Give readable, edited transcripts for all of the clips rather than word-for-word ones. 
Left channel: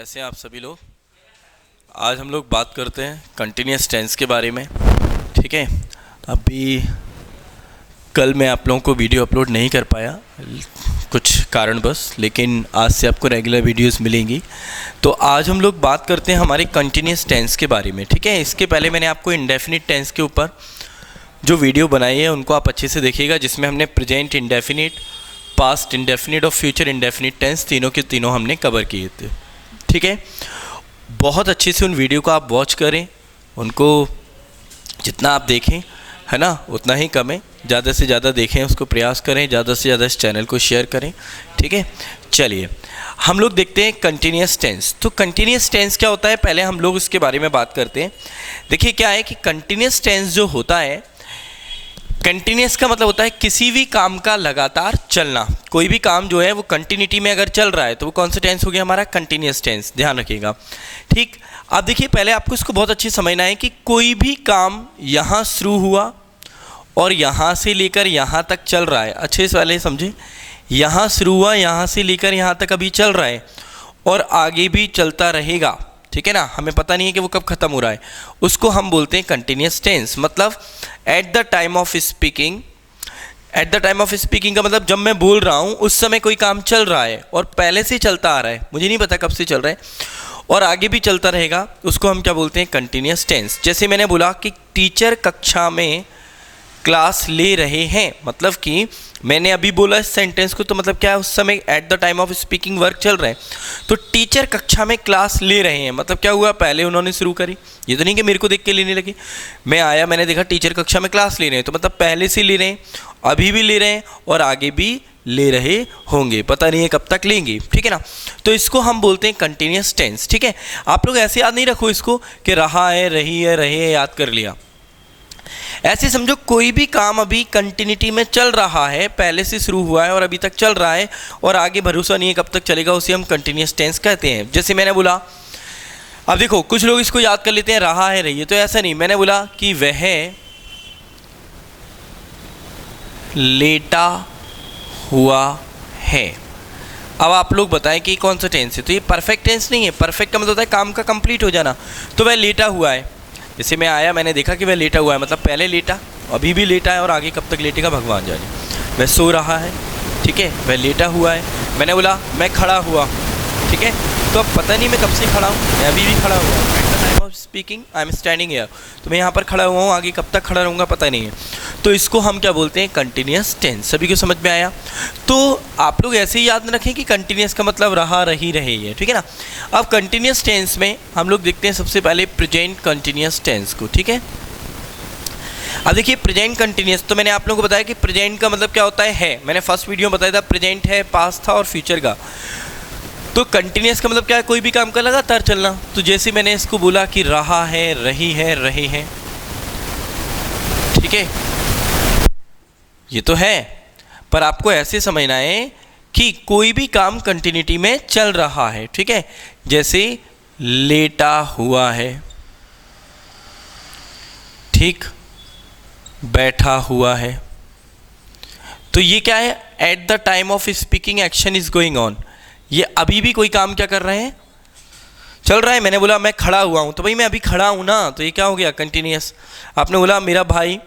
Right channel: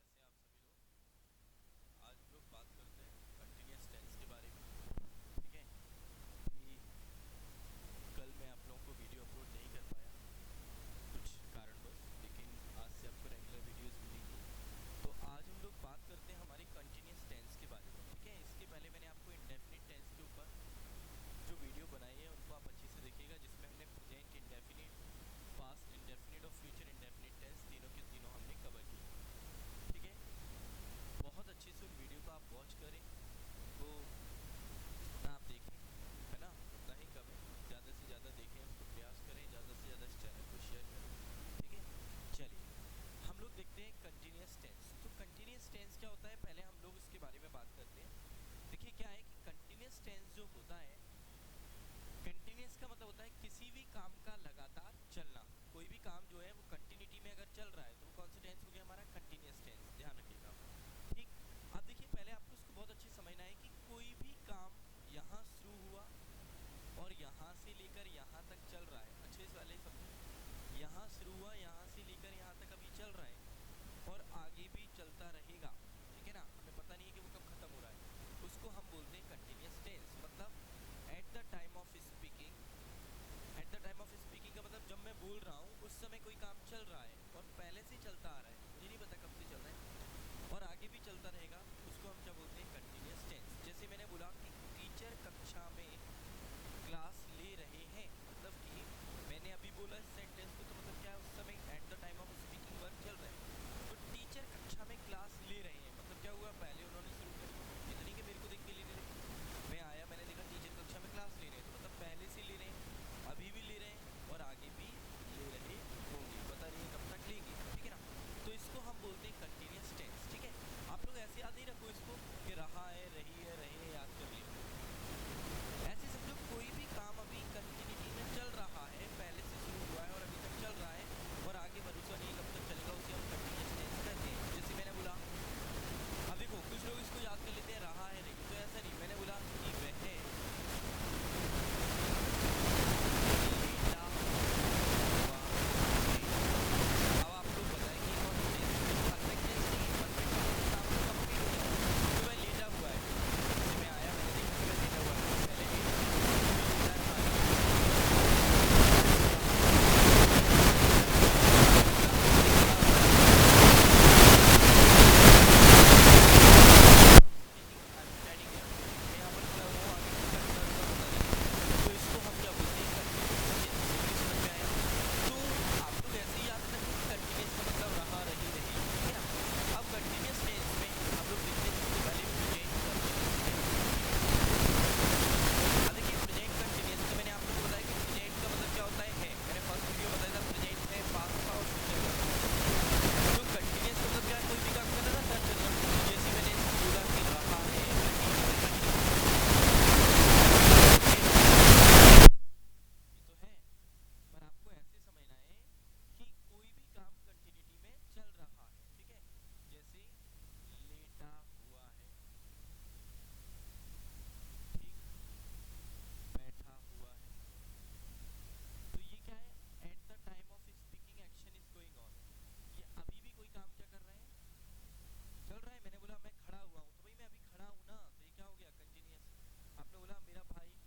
कैसे हैं आप सभी लोग। आज हम लोग बात करते हैं कंटिन्यूस टेंस के बारे में। ठीक है, अभी कल मैं आप लोगों को वीडियो अपलोड नहीं कर पाया कुछ कारणवश, लेकिन आज से आपको रेगुलर वीडियोस मिलेंगी। तो आज हम लोग बात करते हैं हमारे कंटिन्यूस टेंस के बारे में। ठीक है, इसके पहले मैंने आपको इंडेफिनिट टेंस के ऊपर जो वीडियो बनाई है उनको आप अच्छे से देखिएगा, जिसमें हमने प्रेजेंट इंडेफिनिट, पास्ट इंडेफिनिट और फ्यूचर इंडेफिनिट टेंस तीनों के तीनों हमने कवर किए थे। ठीक है, बहुत अच्छे से उन वीडियो को आप वॉच करें, उनको जितना आप देखें है ना उतना ही कम है, ज़्यादा से ज़्यादा देखें, उसको प्रयास करें, ज़्यादा से ज़्यादा इस चैनल को शेयर करें। ठीक है, चलिए हम लोग देखते हैं कंटिन्यूस टेंस। तो कंटिन्यूस टेंस क्या होता है, पहले हम लोग उसके बारे में बात करते हैं। देखिए क्या है कि कंटिन्यूस टेंस जो होता है, कंटिन्यूस का मतलब होता है किसी भी काम का लगातार चलना। कोई भी काम जो है वो कंटिन्यूटी में अगर चल रहा है तो वो कौन सा टेंस हो गया, हमारा कंटिन्यूस टेंस। ध्यान रखिएगा। ठीक, अब देखिए पहले आपको इसको बहुत अच्छे समझना है कि कोई भी काम यहाँ शुरू हुआ और यहाँ से लेकर यहाँ तक चल रहा है। अच्छे से पहले समझे, यहाँ शुरू हुआ, यहाँ से लेकर यहाँ तक अभी चल रहा है और आगे भी चलता रहेगा। ठीक है ना, हमें पता नहीं है कि वो कब खत्म हो रहा है, उसको हम बोलते हैं कंटिन्यूस टेंस। मतलब eight the time of speaking, eight the time of speaking का मतलब जब मैं बोल रहा हूँ उस समय कोई काम चल रहा है और पहले से चलता आ रहा है, मुझे नहीं पता कब से चल रहा है और आगे भी चलता रहेगा, उसको हम क्या बोलते हैं, कंटिन्यूस टेंस। जैसे मैंने बोला कि टीचर कक्षा में क्लास ले रहे हैं, मतलब कि मैंने अभी बोला इस सेंटेंस को, तो मतलब क्या है, उस समय eight the time of speaking work चल रहा है। तो टीचर कक्षा में क्लास ले रहे हैं मतलब क्या हुआ, पहले उन्होंने शुरू करी। ये तो नहीं कि मेरे को देख के लेने लगी, मैं आया मैंने देखा टीचर कक्षा में क्लास ले रहे हैं, तो मतलब पहले से ले रहे हैं, अभी भी ले रहे हैं और आगे भी ले रहे होंगे, पता नहीं है कब तक लेंगे। ठीक है ना, तो इसको हम बोलते हैं कंटिन्यूस टेंस। ठीक है, आप लोग ऐसे याद नहीं रखो इसको कि रहा है, रही है, रहे है, याद कर लिया। ऐसे समझो कोई भी काम अभी कंटिन्यूटी में चल रहा है, पहले से शुरू हुआ है और अभी तक चल रहा है और आगे भरोसा नहीं है कब तक चलेगा, उसे हम कंटिन्यूस टेंस कहते हैं। जैसे मैंने बोला, अब देखो कुछ लोग इसको याद कर लेते हैं रहा है, रही है, तो ऐसा नहीं। मैंने बोला कि वह लेटा हुआ है। अब आप लोग बताएं कि कौन सा टेंस है, तो ये परफेक्ट टेंस नहीं है। परफेक्ट का मतलब होता है काम का कंप्लीट हो जाना। तो वह लेटा हुआ है, जैसे मैं आया मैंने देखा कि वह लेटा हुआ है, मतलब पहले लेटा, अभी भी लेटा है और आगे कब तक लेटेगा भगवान जाने। वह सो रहा है, ठीक है, वह लेटा हुआ है। मैंने बोला मैं खड़ा हुआ, ठीक है, तो अब पता नहीं मैं कब से खड़ा हूँ, मैं अभी भी खड़ा हुआ, speaking I am standing here, तो मैं यहाँ पर खड़ा हुआ हूँ, आगे कब तक खड़ा रहूँगा पता नहीं है। तो इसको हम क्या बोलते हैं, कंटिन्यूस टेंस। सभी को समझ में आया। तो आप लोग ऐसे ही याद रखें कि कंटिन्यूस का मतलब रहा, रही, रहे है। ठीक है ना, अब कंटिन्यूस टेंस में हम लोग देखते हैं सबसे पहले प्रेजेंट कंटिन्यूस टेंस को। ठीक है, अब देखिए प्रेजेंट कंटिन्यूस, तो मैंने आप लोगों को बताया कि प्रेजेंट का मतलब क्या होता है। मैंने फर्स्ट वीडियो में बताया था प्रेजेंट है, पास्ट था और फ्यूचर का। तो कंटिन्यूस का मतलब क्या है, कोई भी काम का लगातार चलना। तो जैसे मैंने इसको बोला कि रहा है, रही है, रहे हैं, ठीक है, ये तो है, पर आपको ऐसे समझना है कि कोई भी काम कंटिन्यूटी में चल रहा है। ठीक है, जैसे लेटा हुआ है, ठीक, बैठा हुआ है, तो ये क्या है, eight the time of speaking action is going on. ये अभी भी कोई काम क्या कर रहे हैं, चल रहा है। मैंने बोला मैं खड़ा हुआ हूं, तो भाई मैं अभी खड़ा हूं ना, तो ये क्या हो गया, कंटिन्यूस। आपने बोला मेरा भाई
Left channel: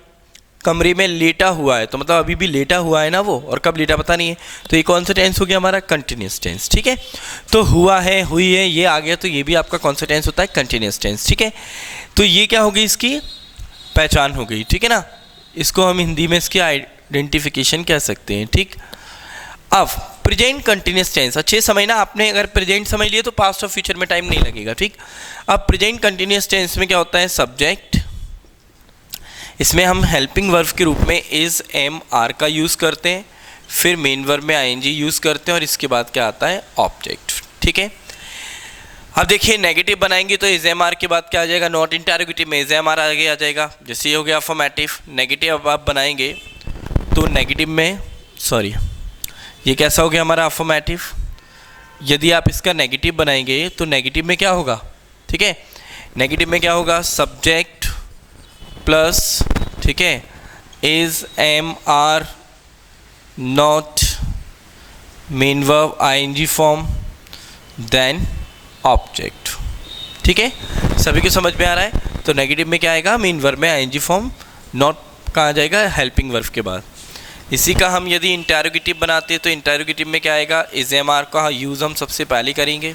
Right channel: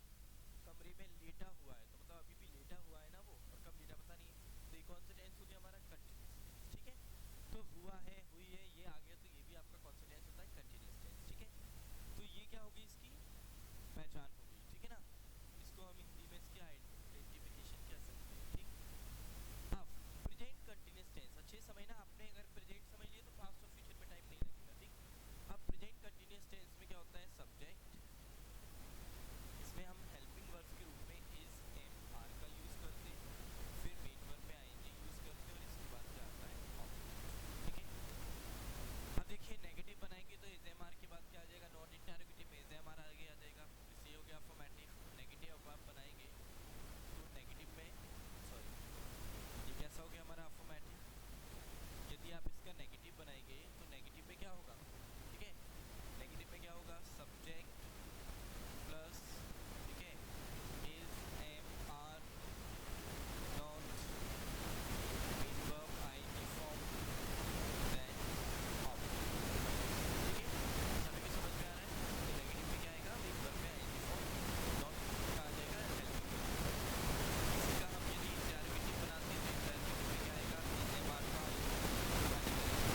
कमरे में लेटा हुआ है, तो मतलब अभी भी लेटा हुआ है ना वो, और कब लेटा पता नहीं है, तो ये कौन सा टेंस हो गया, हमारा कंटिन्यूस टेंस। ठीक है, तो हुआ है, हुई है, ये आ गया, तो ये भी आपका कौन सा टेंस होता है, कंटिन्यूस टेंस। ठीक है, तो ये क्या हो गई, इसकी पहचान हो गई। ठीक है ना, इसको हम हिंदी में इसकी आइडेंटिफिकेशन कह सकते हैं। ठीक, अब प्रेजेंट कंटिन्यूस टेंस अच्छे समझना। आपने अगर प्रेजेंट समझ लिया तो पास्ट और फ्यूचर में टाइम नहीं लगेगा। ठीक, अब प्रेजेंट कंटिन्यूस टेंस में क्या होता है, सब्जेक्ट, इसमें हम हेल्पिंग वर्ब के रूप में इज, एम, आर का यूज़ करते हैं, फिर मेन वर्ब में आईएनजी यूज़ करते हैं और इसके बाद क्या आता है, ऑब्जेक्ट। ठीक है, अब देखिए नेगेटिव बनाएंगे तो इज एम आर के बाद क्या आ जाएगा, नॉट इंटरोगेटिव में इज एम आर आगे आ जाएगा। जैसे ये हो गया अफर्मेटिव। नेगेटिव अब आप बनाएंगे तो नेगेटिव में, सॉरी, ये कैसा हो गया हमारा अफर्मेटिव। यदि आप इसका नेगेटिव बनाएंगे तो नेगेटिव में क्या होगा, ठीक है, नेगेटिव में क्या होगा, सब्जेक्ट प्लस, ठीक है, is, am, are, not, main verb ING form, then object. ठीक है, सभी को समझ में आ रहा है? तो नेगेटिव में क्या आएगा? मेन वर्ब में आईएनजी फॉर्म, नॉट कहाँ जाएगा? हेल्पिंग वर्ब के बाद। इसी का हम यदि इंटेरोगेटिव बनाते हैं तो इंटेरोगेटिव में क्या आएगा? इज एम आर का यूज़ हम सबसे पहले करेंगे।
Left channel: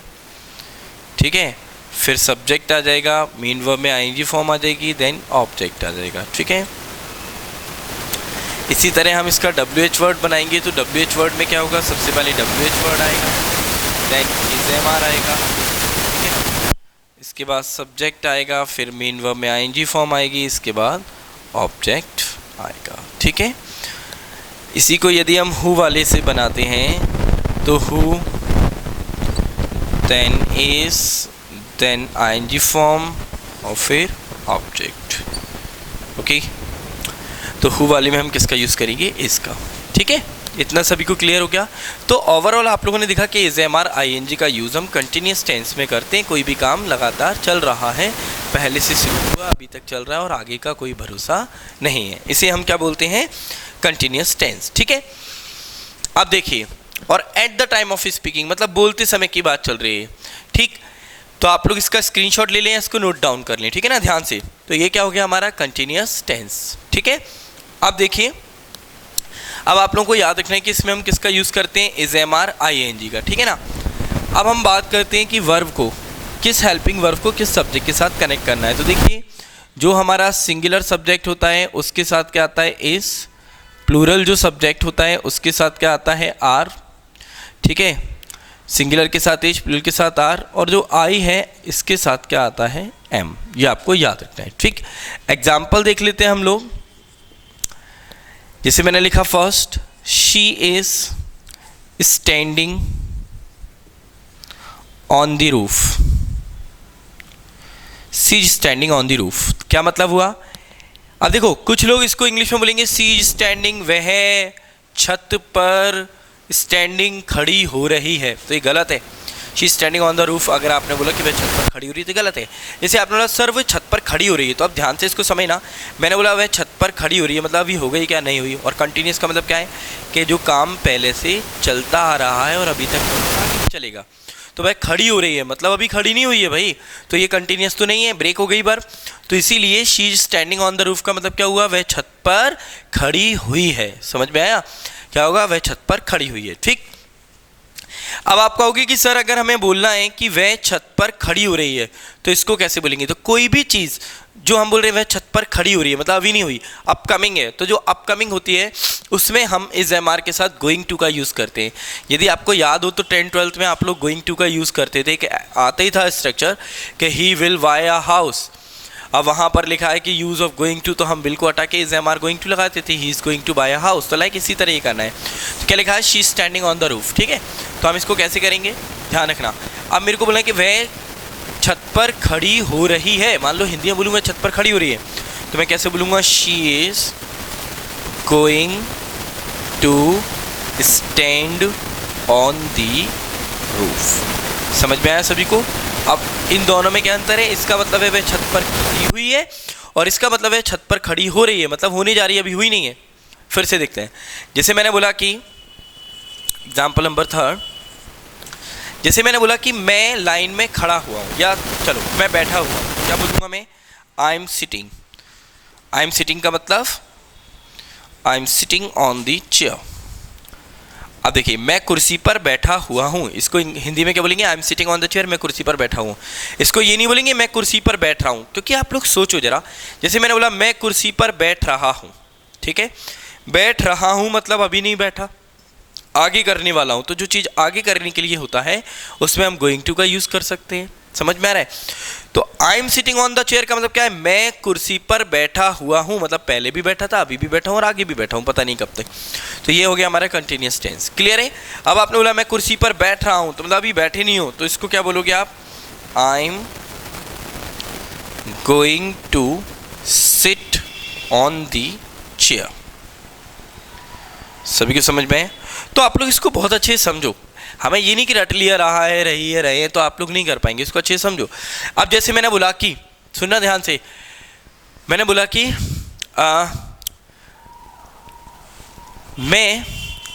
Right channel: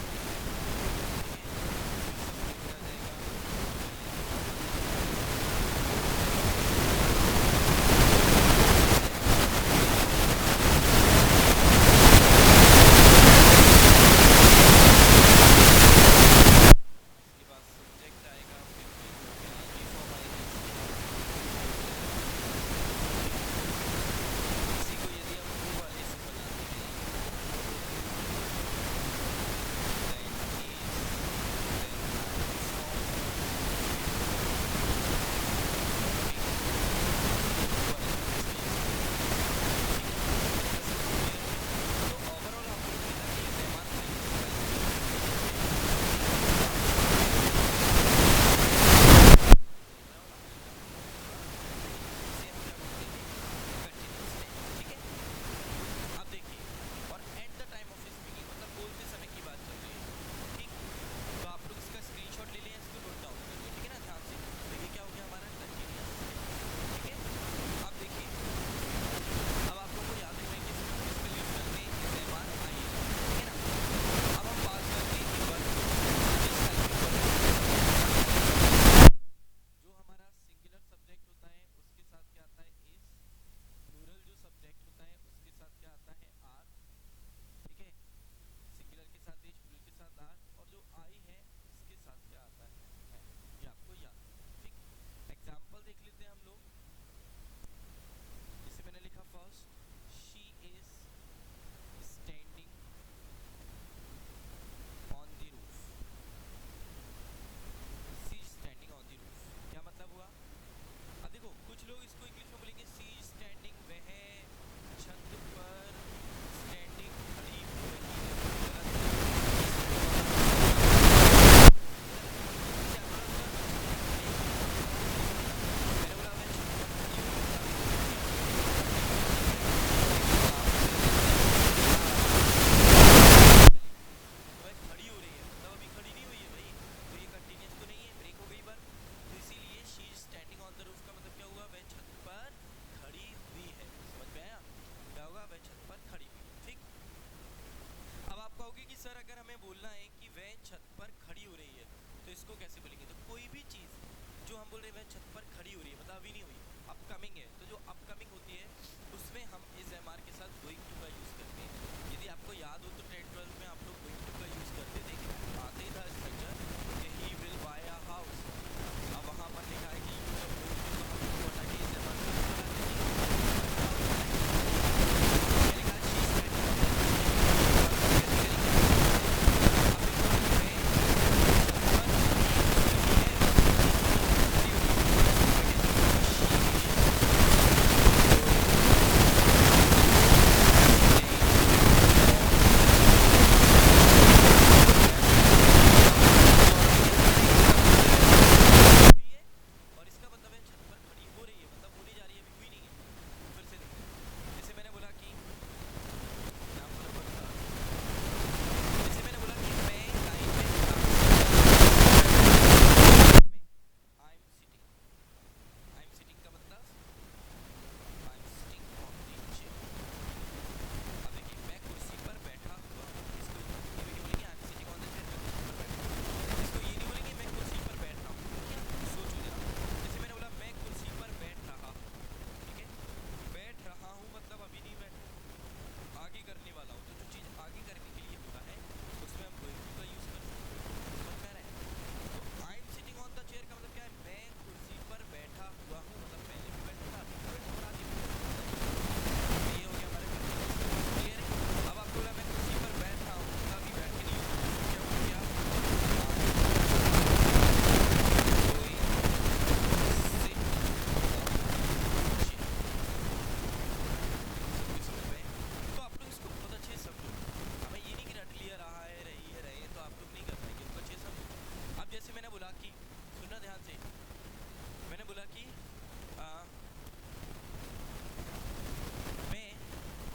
ठीक है, फिर सब्जेक्ट आ जाएगा, मेन वर्ब में आईएनजी फॉर्म आ जाएगी, देन ऑब्जेक्ट आ जाएगा। ठीक है, इसी तरह हम इसका WH वर्ड बनाएंगे तो WH वर्ड में क्या होगा? सबसे पहले WH वर्ड आएगा, इसके बाद सब्जेक्ट आएगा, फिर मेन वर्ब में आईएनजी फॉर्म आएगी, इसके बाद ऑब्जेक्ट आएगा। ठीक है, इसी को यदि हम हु वाले से बनाते हैं तो who, then is, then ING form और फिर ऑब्जेक्ट। ओके, तो हु वाले में हम किसका यूज़ करेंगे? इसका। ठीक है, इतना सभी को क्लियर हो गया? तो ओवरऑल आप लोगों ने देखा कि इज एम आर आईएनजी का यूज़ हम कंटिन्यूस टेंस में करते हैं। कोई भी काम लगातार चल रहा है, पहले से शुरू हुआ अभी तक चल रहा है और आगे का कोई भरोसा नहीं है, इसे हम क्या बोलते हैं? Continuous tense. ठीक है, अब देखिए, और at the time of speaking मतलब बोलते समय की बात चल रही है। ठीक, तो आप लोग इसका स्क्रीनशॉट ले लें, इसको नोट डाउन कर लें। ठीक है ना, ध्यान से। तो ये क्या हो गया? हमारा कंटिन्यूस टेंस। ठीक है, अब देखिए, अब आप लोगों को याद रखना है कि इसमें हम किसका यूज़ करते हैं? इज एम आर आईएनजी का। ठीक है ना, अब हम बात करते हैं कि वर्ब को, किस हेल्पिंग वर्ब को किस सब्जेक्ट के साथ कनेक्ट करना है। तो देखिए, जो हमारा सिंगुलर सब्जेक्ट होता है उसके साथ क्या आता है? इज। प्लूरल जो सब्जेक्ट होता है उसके साथ क्या आता है? आर। ठीक है, सिंगुलर के साथ इज, प्लूरल के साथ आर, और जो आई है इसके साथ क्या आता है? एम। ये आपको याद रखना है। ठीक, एग्जाम्पल देख लेते हैं हम लोग। जैसे मैंने लिखा first, she is standing on the roof. She is standing on the roof, क्या मतलब हुआ? अब देखो, कुछ लोग इसको इंग्लिश में बोलेंगे सी इज स्टैंडिंग, वह छत पर स्टैंडिंग खड़ी हो रही है, तो ये गलत है। She is standing on the roof अगर आपने बोला कि वह छत पर खड़ी हो रही है तो गलत है। जैसे आपने बोला सर वो छत पर खड़ी हो रही है, तो अब ध्यान से इसको समझना। मैंने बोला वह छत पर खड़ी हो रही है, मतलब अभी हो गई क्या? नहीं हुई। और कंटिन्यूस का मतलब क्या है? कि जो काम पहले से चलता आ रहा है और अभी तक चलेगा। तो वह खड़ी हो रही है मतलब अभी खड़ी नहीं हुई है भाई, तो ये कंटिन्यूस तो नहीं है, ब्रेक हो गई बार। तो इसीलिए she is standing on the roof का मतलब क्या हुआ? वह छत पर खड़ी हुई है। समझ में आया? क्या होगा? वह छत पर खड़ी हुई है। ठीक, अब आप कहोगे कि सर अगर हमें बोलना है कि वह छत पर खड़ी हो रही है तो इसको कैसे बोलेंगे? तो कोई भी चीज़ जो हम बोल रहे हैं वह छत पर खड़ी हो रही है मतलब अभी नहीं हुई, अपकमिंग है, तो जो अपकमिंग होती है उसमें हम इस एम आर के साथ गोइंग टू का यूज़ करते हैं। यदि आपको याद हो तो 10th-12th में आप लोग गोइंग टू का यूज़ करते थे, कि आता ही था स्ट्रक्चर कि he will buy a house. अब वहाँ पर लिखा है कि यूज़ ऑफ गोइंग टू, तो हम बिल को हटा के is am are going to लगाते थे, he is going to buy a house. तो लाइक इसी तरह ये करना है। तो क्या लिखा है? She standing on the roof. ठीक है, तो हम इसको कैसे करेंगे? ध्यान रखना। अब मेरे को बोला कि वह छत पर खड़ी हो रही है, मान लो हिंदी में बोलूँगा छत पर खड़ी हो रही है, तो मैं कैसे बोलूँगा? She is going to stand on the roof. समझ में आया सभी को? अब इन दोनों में क्या अंतर है? इसका मतलब है वह छत पर खड़ी हुई है और इसका मतलब है छत पर खड़ी हो रही है, मतलब होने जा रही है, अभी हुई नहीं है। फिर से देखते हैं। जैसे मैंने बोला कि एग्जाम्पल नंबर 3, जैसे मैंने बोला कि मैं लाइन में खड़ा हुआ, या चलो मैं बैठा हुआ, मैं I am sitting. I am sitting का मतलब I am sitting on the chair. अब देखिए, मैं कुर्सी पर बैठा हुआ हूँ, इसको हिंदी में क्या बोलेंगे? I am sitting on the chair, मैं कुर्सी पर बैठा हूँ। इसको ये नहीं बोलेंगे मैं कुर्सी पर बैठ रहा हूँ, क्योंकि आप लोग सोचो जरा, जैसे मैंने बोला मैं कुर्सी पर बैठ रहा हूँ, ठीक है, बैठ रहा हूँ मतलब अभी नहीं बैठा, आगे करने वाला हूँ। तो जो चीज़ आगे करने के लिए होता है उसमें हम गोइंग टू का यूज़ कर सकते हैं। समझ में आ रहा है? तो I am sitting on the chair का मतलब क्या है? मैं कुर्सी पर बैठा हुआ हूँ, मतलब पहले भी बैठा था, अभी भी बैठा हूँ और आगे भी बैठा हूँ, पता नहीं कब तक। तो ये हो गया हमारा कंटिन्यूस टेंस। क्लियर है? अब आपने बोला मैं कुर्सी पर बैठ रहा हूँ, तो मतलब अभी बैठे नहीं हो, तो इसको क्या बोलोगे आप? I am going to sit on the chair. सभी को समझ में है? तो आप लोग इसको बहुत अच्छे से समझो। हमें ये नहीं कि रट लिया रहा है, रही है, रहे हैं, तो आप लोग नहीं कर पाएंगे, इसको अच्छे से समझो। अब जैसे मैंने बोला कि, सुनना ध्यान से, मैंने बोला कि मैं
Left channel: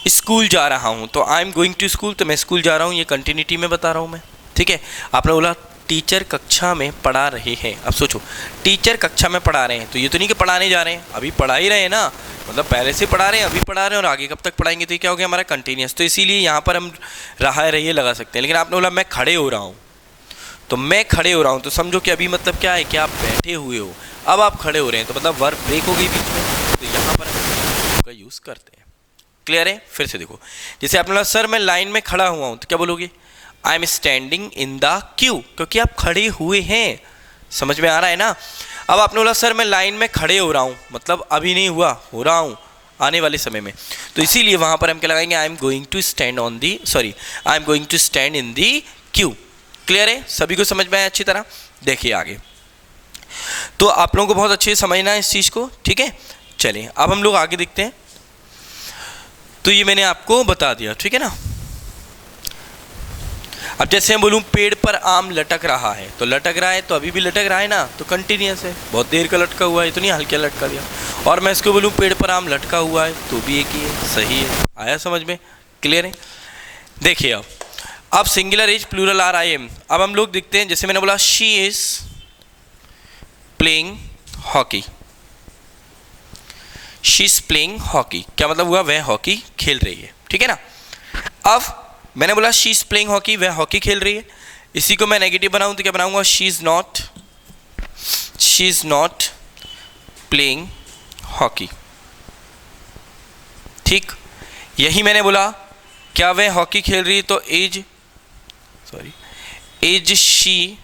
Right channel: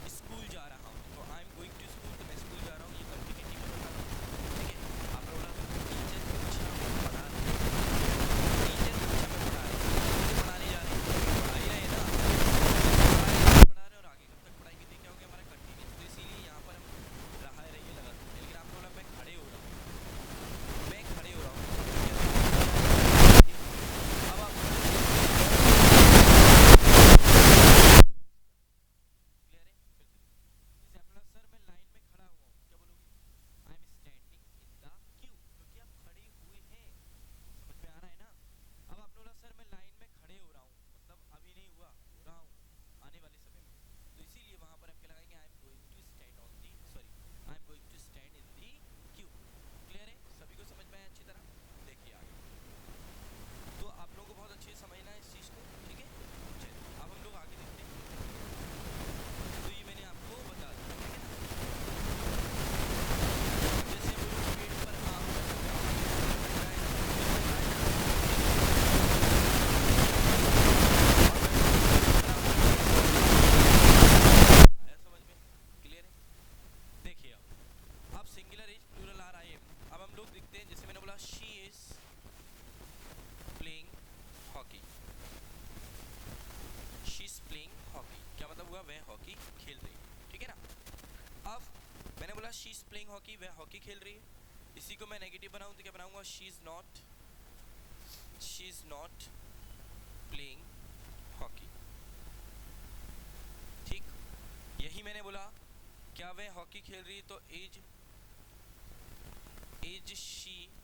स्कूल जा रहा हूँ, तो I am going to school, तो मैं स्कूल जा रहा हूँ, ये कंटिन्यूटी में बता रहा हूँ मैं। ठीक है। आपने बोला टीचर कक्षा में पढ़ा रहे हैं। अब सोचो, टीचर कक्षा में पढ़ा रहे हैं, तो ये तो नहीं कि पढ़ाने जा रहे हैं, अभी पढ़ा ही रहे हैं ना, मतलब पहले से पढ़ा रहे हैं, अभी पढ़ा रहे हैं और आगे कब तक पढ़ाएंगे, तो ये क्या हो गया हमारा कंटिन्यूस। तो इसीलिए यहाँ पर हम रहा रहिए लगा सकते हैं। लेकिन आपने बोला मैं खड़े हो रहा हूँ, तो मैं खड़े हो रहा हूँ, तो समझो कि अभी मतलब क्या है कि आप बैठे हुए हो, अब आप खड़े हो रहे हैं, तो मतलब वर्ब मेक का यूज़ करते हैं। क्लियर है? फिर से देखो, जैसे आपने बोला सर मैं लाइन में खड़ा हुआ हूँ, तो क्या बोलोगे? I am standing in the Q, क्योंकि आप खड़े हुए हैं। समझ में आ रहा है ना? अब आपने बोला सर मैं लाइन में खड़े हो रहा हूँ, मतलब अभी नहीं हुआ, हो रहा हूँ आने वाले समय में, तो इसीलिए वहाँ पर हम क्या लगाएंगे? I am going to stand on the, sorry I am going to stand in the queue. Clear है? सभी को समझ में आया अच्छी तरह? देखिए आगे, तो आप लोगों को बहुत अच्छे से समझना है इस चीज़ को, ठीक है। चलिए अब हम लोग आगे देखते हैं। तो ये मैंने आपको बता दिया, ठीक है ना। अब जैसे मैं बोलूँ पेड़ पर आम लटक रहा है, तो लटक रहा है तो अभी भी लटक रहा है ना, तो कंटिन्यूस है, बहुत देर का लटका हुआ है, तो नहीं हल्का लटका है। और मैं इसको बोलूँ पेड़ पर आम लटका हुआ है, तो भी एक ही सही है। आया समझ में? क्लियर है? देखिए अब singular is plural are I am. अब हम लोग देखते हैं, जैसे मैंने बोला she is playing hockey, she is playing hockey, क्या मतलब हुआ? वह हॉकी खेल रही है, ठीक है ना। अब मैंने बोला शी इज प्लेइंग हॉकी, वह हॉकी खेल रही है, इसी को मैं नेगेटिव बनाऊं तो क्या बनाऊंगा? She is not playing hockey, ठीक। यही मैंने बोला क्या वह हॉकी खेल रही है, तो इज शी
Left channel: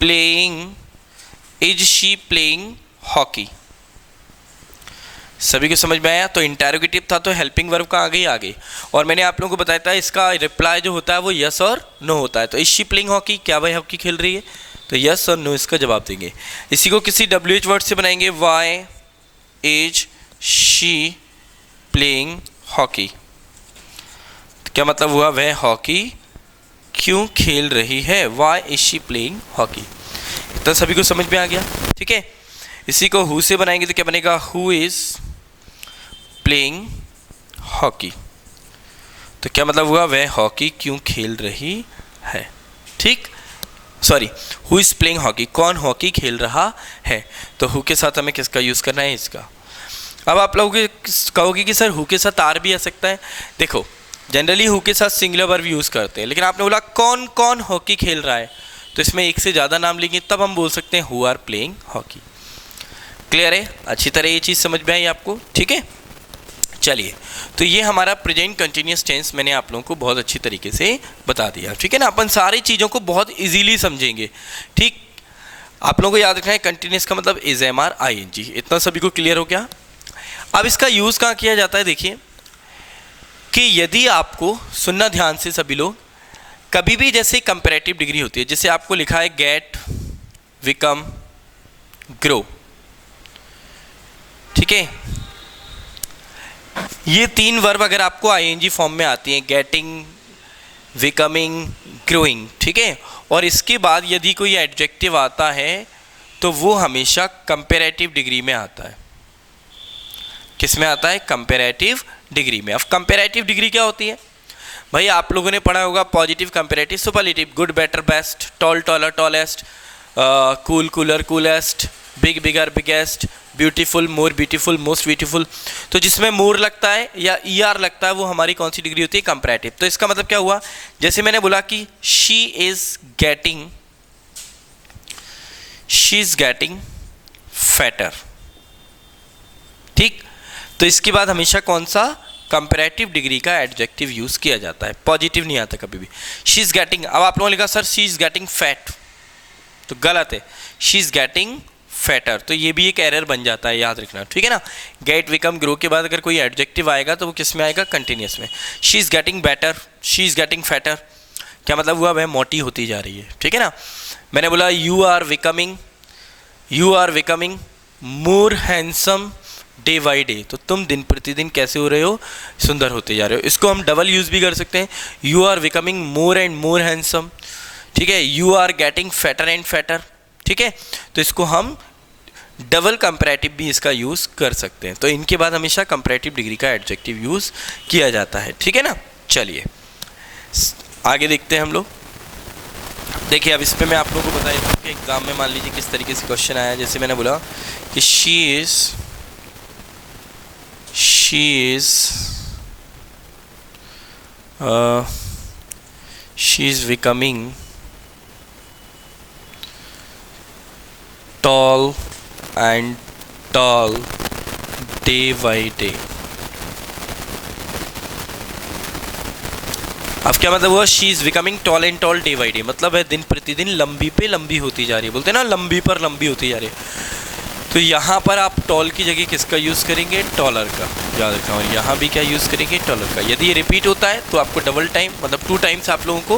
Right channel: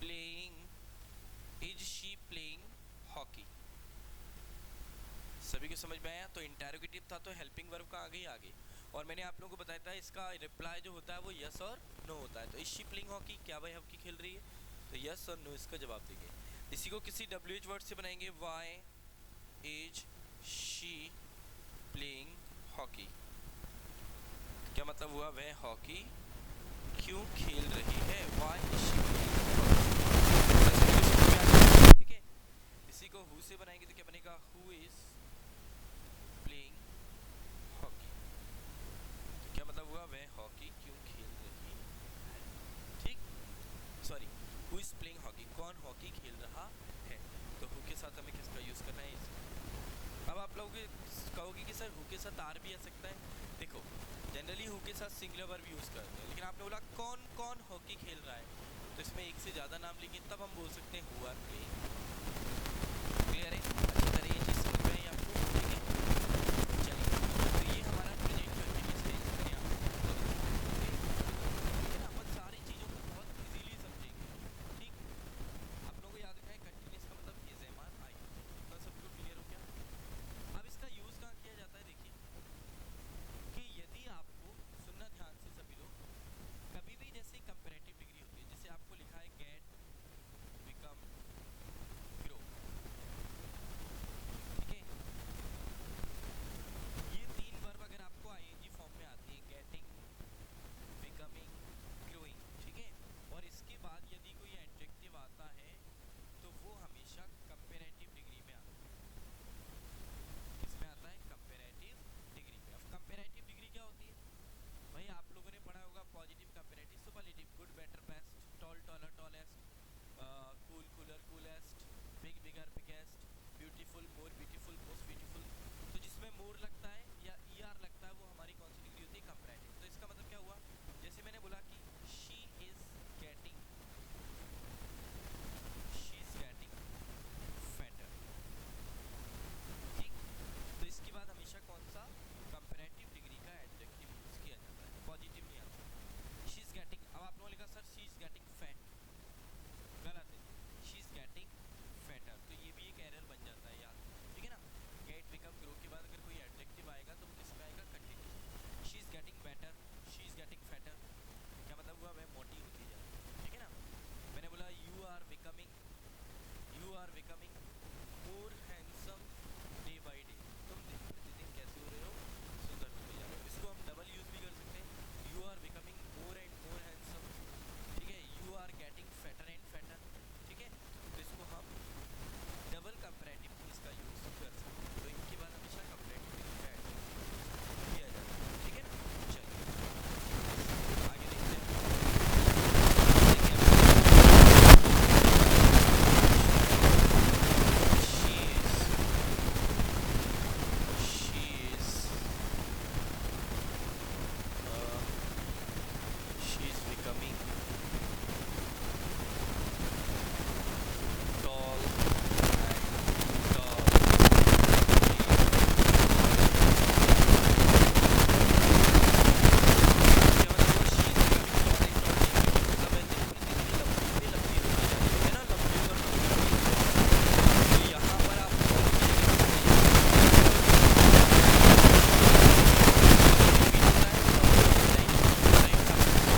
प्लेइंग हॉकी। सभी को समझ में आया? तो इंटरोगेटिव था तो हेल्पिंग वर्ब का आगे ही आगे, और मैंने आप लोगों को बताया था इसका रिप्लाई जो होता है वो यस और नो होता है। तो इज शी प्लेइंग हॉकी, क्या वह हॉकी खेल रही है, तो यस और नो इसका जवाब देंगे। इसी को किसी WH वर्ड से बनाएंगे, why is she playing hockey, तो क्या मतलब हुआ? वह हॉकी क्यों खेल रही है, why is she playing hockey. तो सभी को समझ में आ गया, ठीक है। इसी को हु से बनाएंगे तो क्या बनेगा? हु इज प्लेइंग हॉकी, तो क्या मतलब हुआ? वह हॉकी क्यों खेल रही है, ठीक। Sorry, who is playing hockey, कौन हॉकी खेल रहा है, तो हु के साथ हमें किसका यूज़ करना है? इसका। अब आप लोग कहोगे कि सर हु के साथ आर भी आ सकता है। देखो जनरली हु के साथ सिंगुलर वर्ब यूज़ करते हैं, लेकिन आपने बोला कौन कौन हॉकी खेल रहा है, तो इसमें एक से ज़्यादा नाम लेंगे तब हम बोल सकते हैं who are playing hockey. Clear है? अच्छी तरह ये चीज़ समझ में आई आपको, ठीक है। चलिए, तो ये हमारा प्रेजेंट कंटिन्यूस टेंस मैंने आप लोगों को बहुत अच्छी तरीके से बता दिया, ठीक है ना। अपन सारी चीज़ों को बहुत इजीली समझेंगे, ठीक। आप लोगों को याद रखना है कंटिन्यूस का मतलब इज MR ING, इतना सभी को क्लियर हो गया। अब इसका यूज़ कहाँ किया जाता है? देखिए कि यदि आपको सुनना ध्यान से सभी लोग, कभी भी जैसे कंपैरेटिव डिग्री होती है, जैसे आपको लिखा है गेट, बिकम, ग्रो, ठीक है। ये तीन वर्ब अगर आपको ING फॉर्म में आती हैं, गेटिंग, बिकमिंग, ग्रोइंग, ठीक है, और इसके बाद यदि कोई एडजेक्टिव आता है तो वो हमेशा कंपैरेटिव डिग्री में आता है। किस में आता है? कंपैरेटिव डिग्री में। अब कंपैरेटिव डिग्री क्या होती है भाई? आप लोगों ने पढ़ा होगा positive, comparative, superlative, good, better, best, tall, taller, tallest, cool, cooler, coolest, big, bigger, biggest, beautiful, more beautiful, most beautiful. तो जिसमें मोर लगता है या ER लगता है वो हमारी कौन सी डिग्री होती है? कंपैरेटिव। तो इसका मतलब क्या हुआ? जैसे मैंने बोला कि शी इज गेटिंग फैटर, ठीक। तो इसके बाद हमेशा कौन सा? कंपैरेटिव डिग्री का एडजेक्टिव यूज किया जाता है, पॉजिटिव नहीं आता कभी भी। शी इज गेटिंग, अब आप लोगों ने लिखा sir she is getting fat, तो गलत है, शी इज गेटिंग फैटर, तो ये भी एक एरर बन जाता है, याद रखना, ठीक है ना। गेट, बिकम, ग्रो के बाद अगर कोई एडजेक्टिव आएगा तो वो किस में आएगा? कंटिन्यूस में। She is getting better, she is getting fatter, क्या मतलब हुआ? वह मोटी होती जा रही है, ठीक है ना। मैंने बोला you are becoming more handsome day by day, तो तुम दिन प्रतिदिन कैसे हो रहे हो? सुंदर होते जा रहे हो। इसको हम डबल यूज भी कर सकते हैं, you are becoming more and more handsome, ठीक है। You are getting fatter and fatter, ठीक है। तो इसको हम डबल कंपैरेटिव भी इसका यूज़ कर सकते हैं। तो इनके बाद हमेशा कंपैरेटिव डिग्री का एडजेक्टिव यूज़ किया जाता है, ठीक है ना। चलिए आगे देखते हैं हम लोग। देखिए अब इसमें मैं आपको बताया कि एग्जाम में मान लीजिए किस तरीके से क्वेश्चन आया, जैसे मैंने बोला कि she is becoming tall and tall day by day. अब क्या मतलब हुआ, she is becoming tall and tall day by day, मतलब है दिन प्रतिदिन लंबी पे लंबी होती जा रही है, बोलते हैं ना लंबी पर लंबी होती जा रही है। तो यहाँ पर आप टॉल की जगह किसका यूज़ करेंगे, डॉलर का। याद रखना, यहाँ भी क्या यूज़ करेंगे, डॉलर का। यदि ये रिपीट होता है तो आपको डबल टाइम मतलब 2 टाइम्स आप लोगों को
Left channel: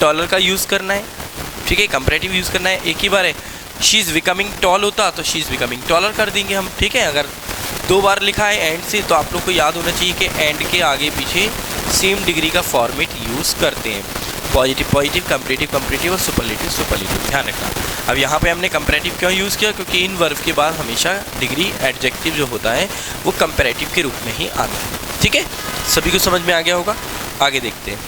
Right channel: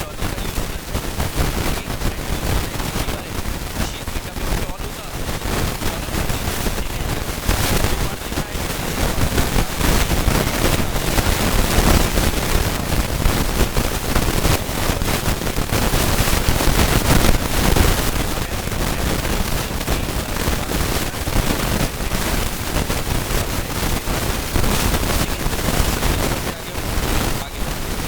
डॉलर का यूज़ करना है, ठीक है, कंपैरेटिव यूज़ करना है। एक ही बार है, शी इज़ बिकमिंग टॉल होता तो शी इज़ बिकमिंग टॉलर कर देंगे हम, ठीक है। अगर 2 बार लिखा है एंड से तो आप लोग को याद होना चाहिए कि एंड के आगे पीछे सेम डिग्री का फॉर्मेट यूज़ करते हैं, पॉजिटिव पॉजिटिव, कंपैरेटिव कंपैरेटिव और सुपरलेटिव सुपरलेटिव। ध्यान रखो, अब यहाँ पे हमने कंपैरेटिव क्यों यूज़ किया, क्योंकि इन वर्ब के बाद हमेशा डिग्री एडजेक्टिव जो होता है वो कंपैरेटिव के रूप में ही आता है, ठीक है। सभी को समझ में आ गया होगा, आगे देखते हैं।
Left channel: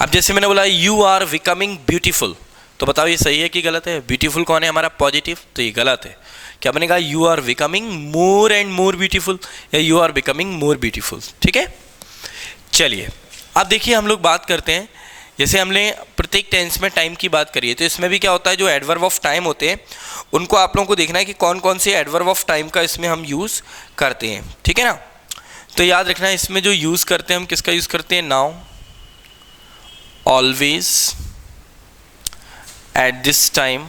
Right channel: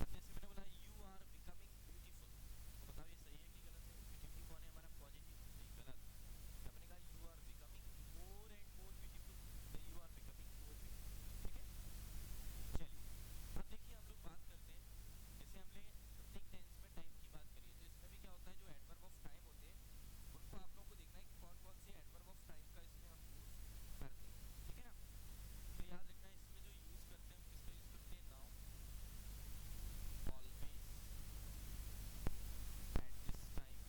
अब जैसे मैंने बोला यू आर बिकमिंग ब्यूटीफुल, तो बताओ ये सही है कि गलत है। ब्यूटीफुल कौन है हमारा, पॉजिटिव, तो ये गलत है। क्या बनेगा, you are becoming more and more beautiful, या you are becoming more beautiful, ठीक है। चलिए अब देखिए हम लोग बात करते हैं, जैसे हमने प्रत्येक टेंस में टाइम की बात करी है, तो इसमें भी क्या होता है, जो एडवर्ब ऑफ टाइम होते हैं उनको आप लोगों को देखना है कि कौन कौन से एडवर्ब ऑफ टाइम का इसमें हम यूज़ करते हैं, ठीक है ना। तो याद रखना है इसमें जो यूज़ करते हैं हम किसका यूज़ करते हैं, now, always, at this time,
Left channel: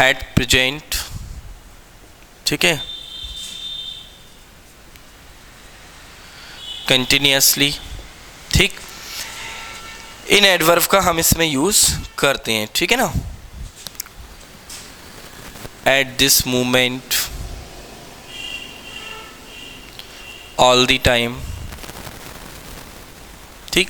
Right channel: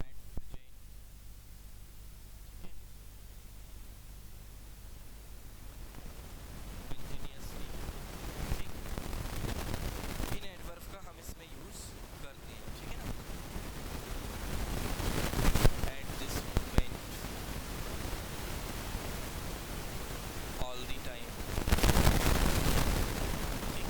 at present, ठीक है, continuously, ठीक। इन एडवर्ब का हम इसमें यूज करते हैं, ठीक है ना। at this moment, all the time, ठीक।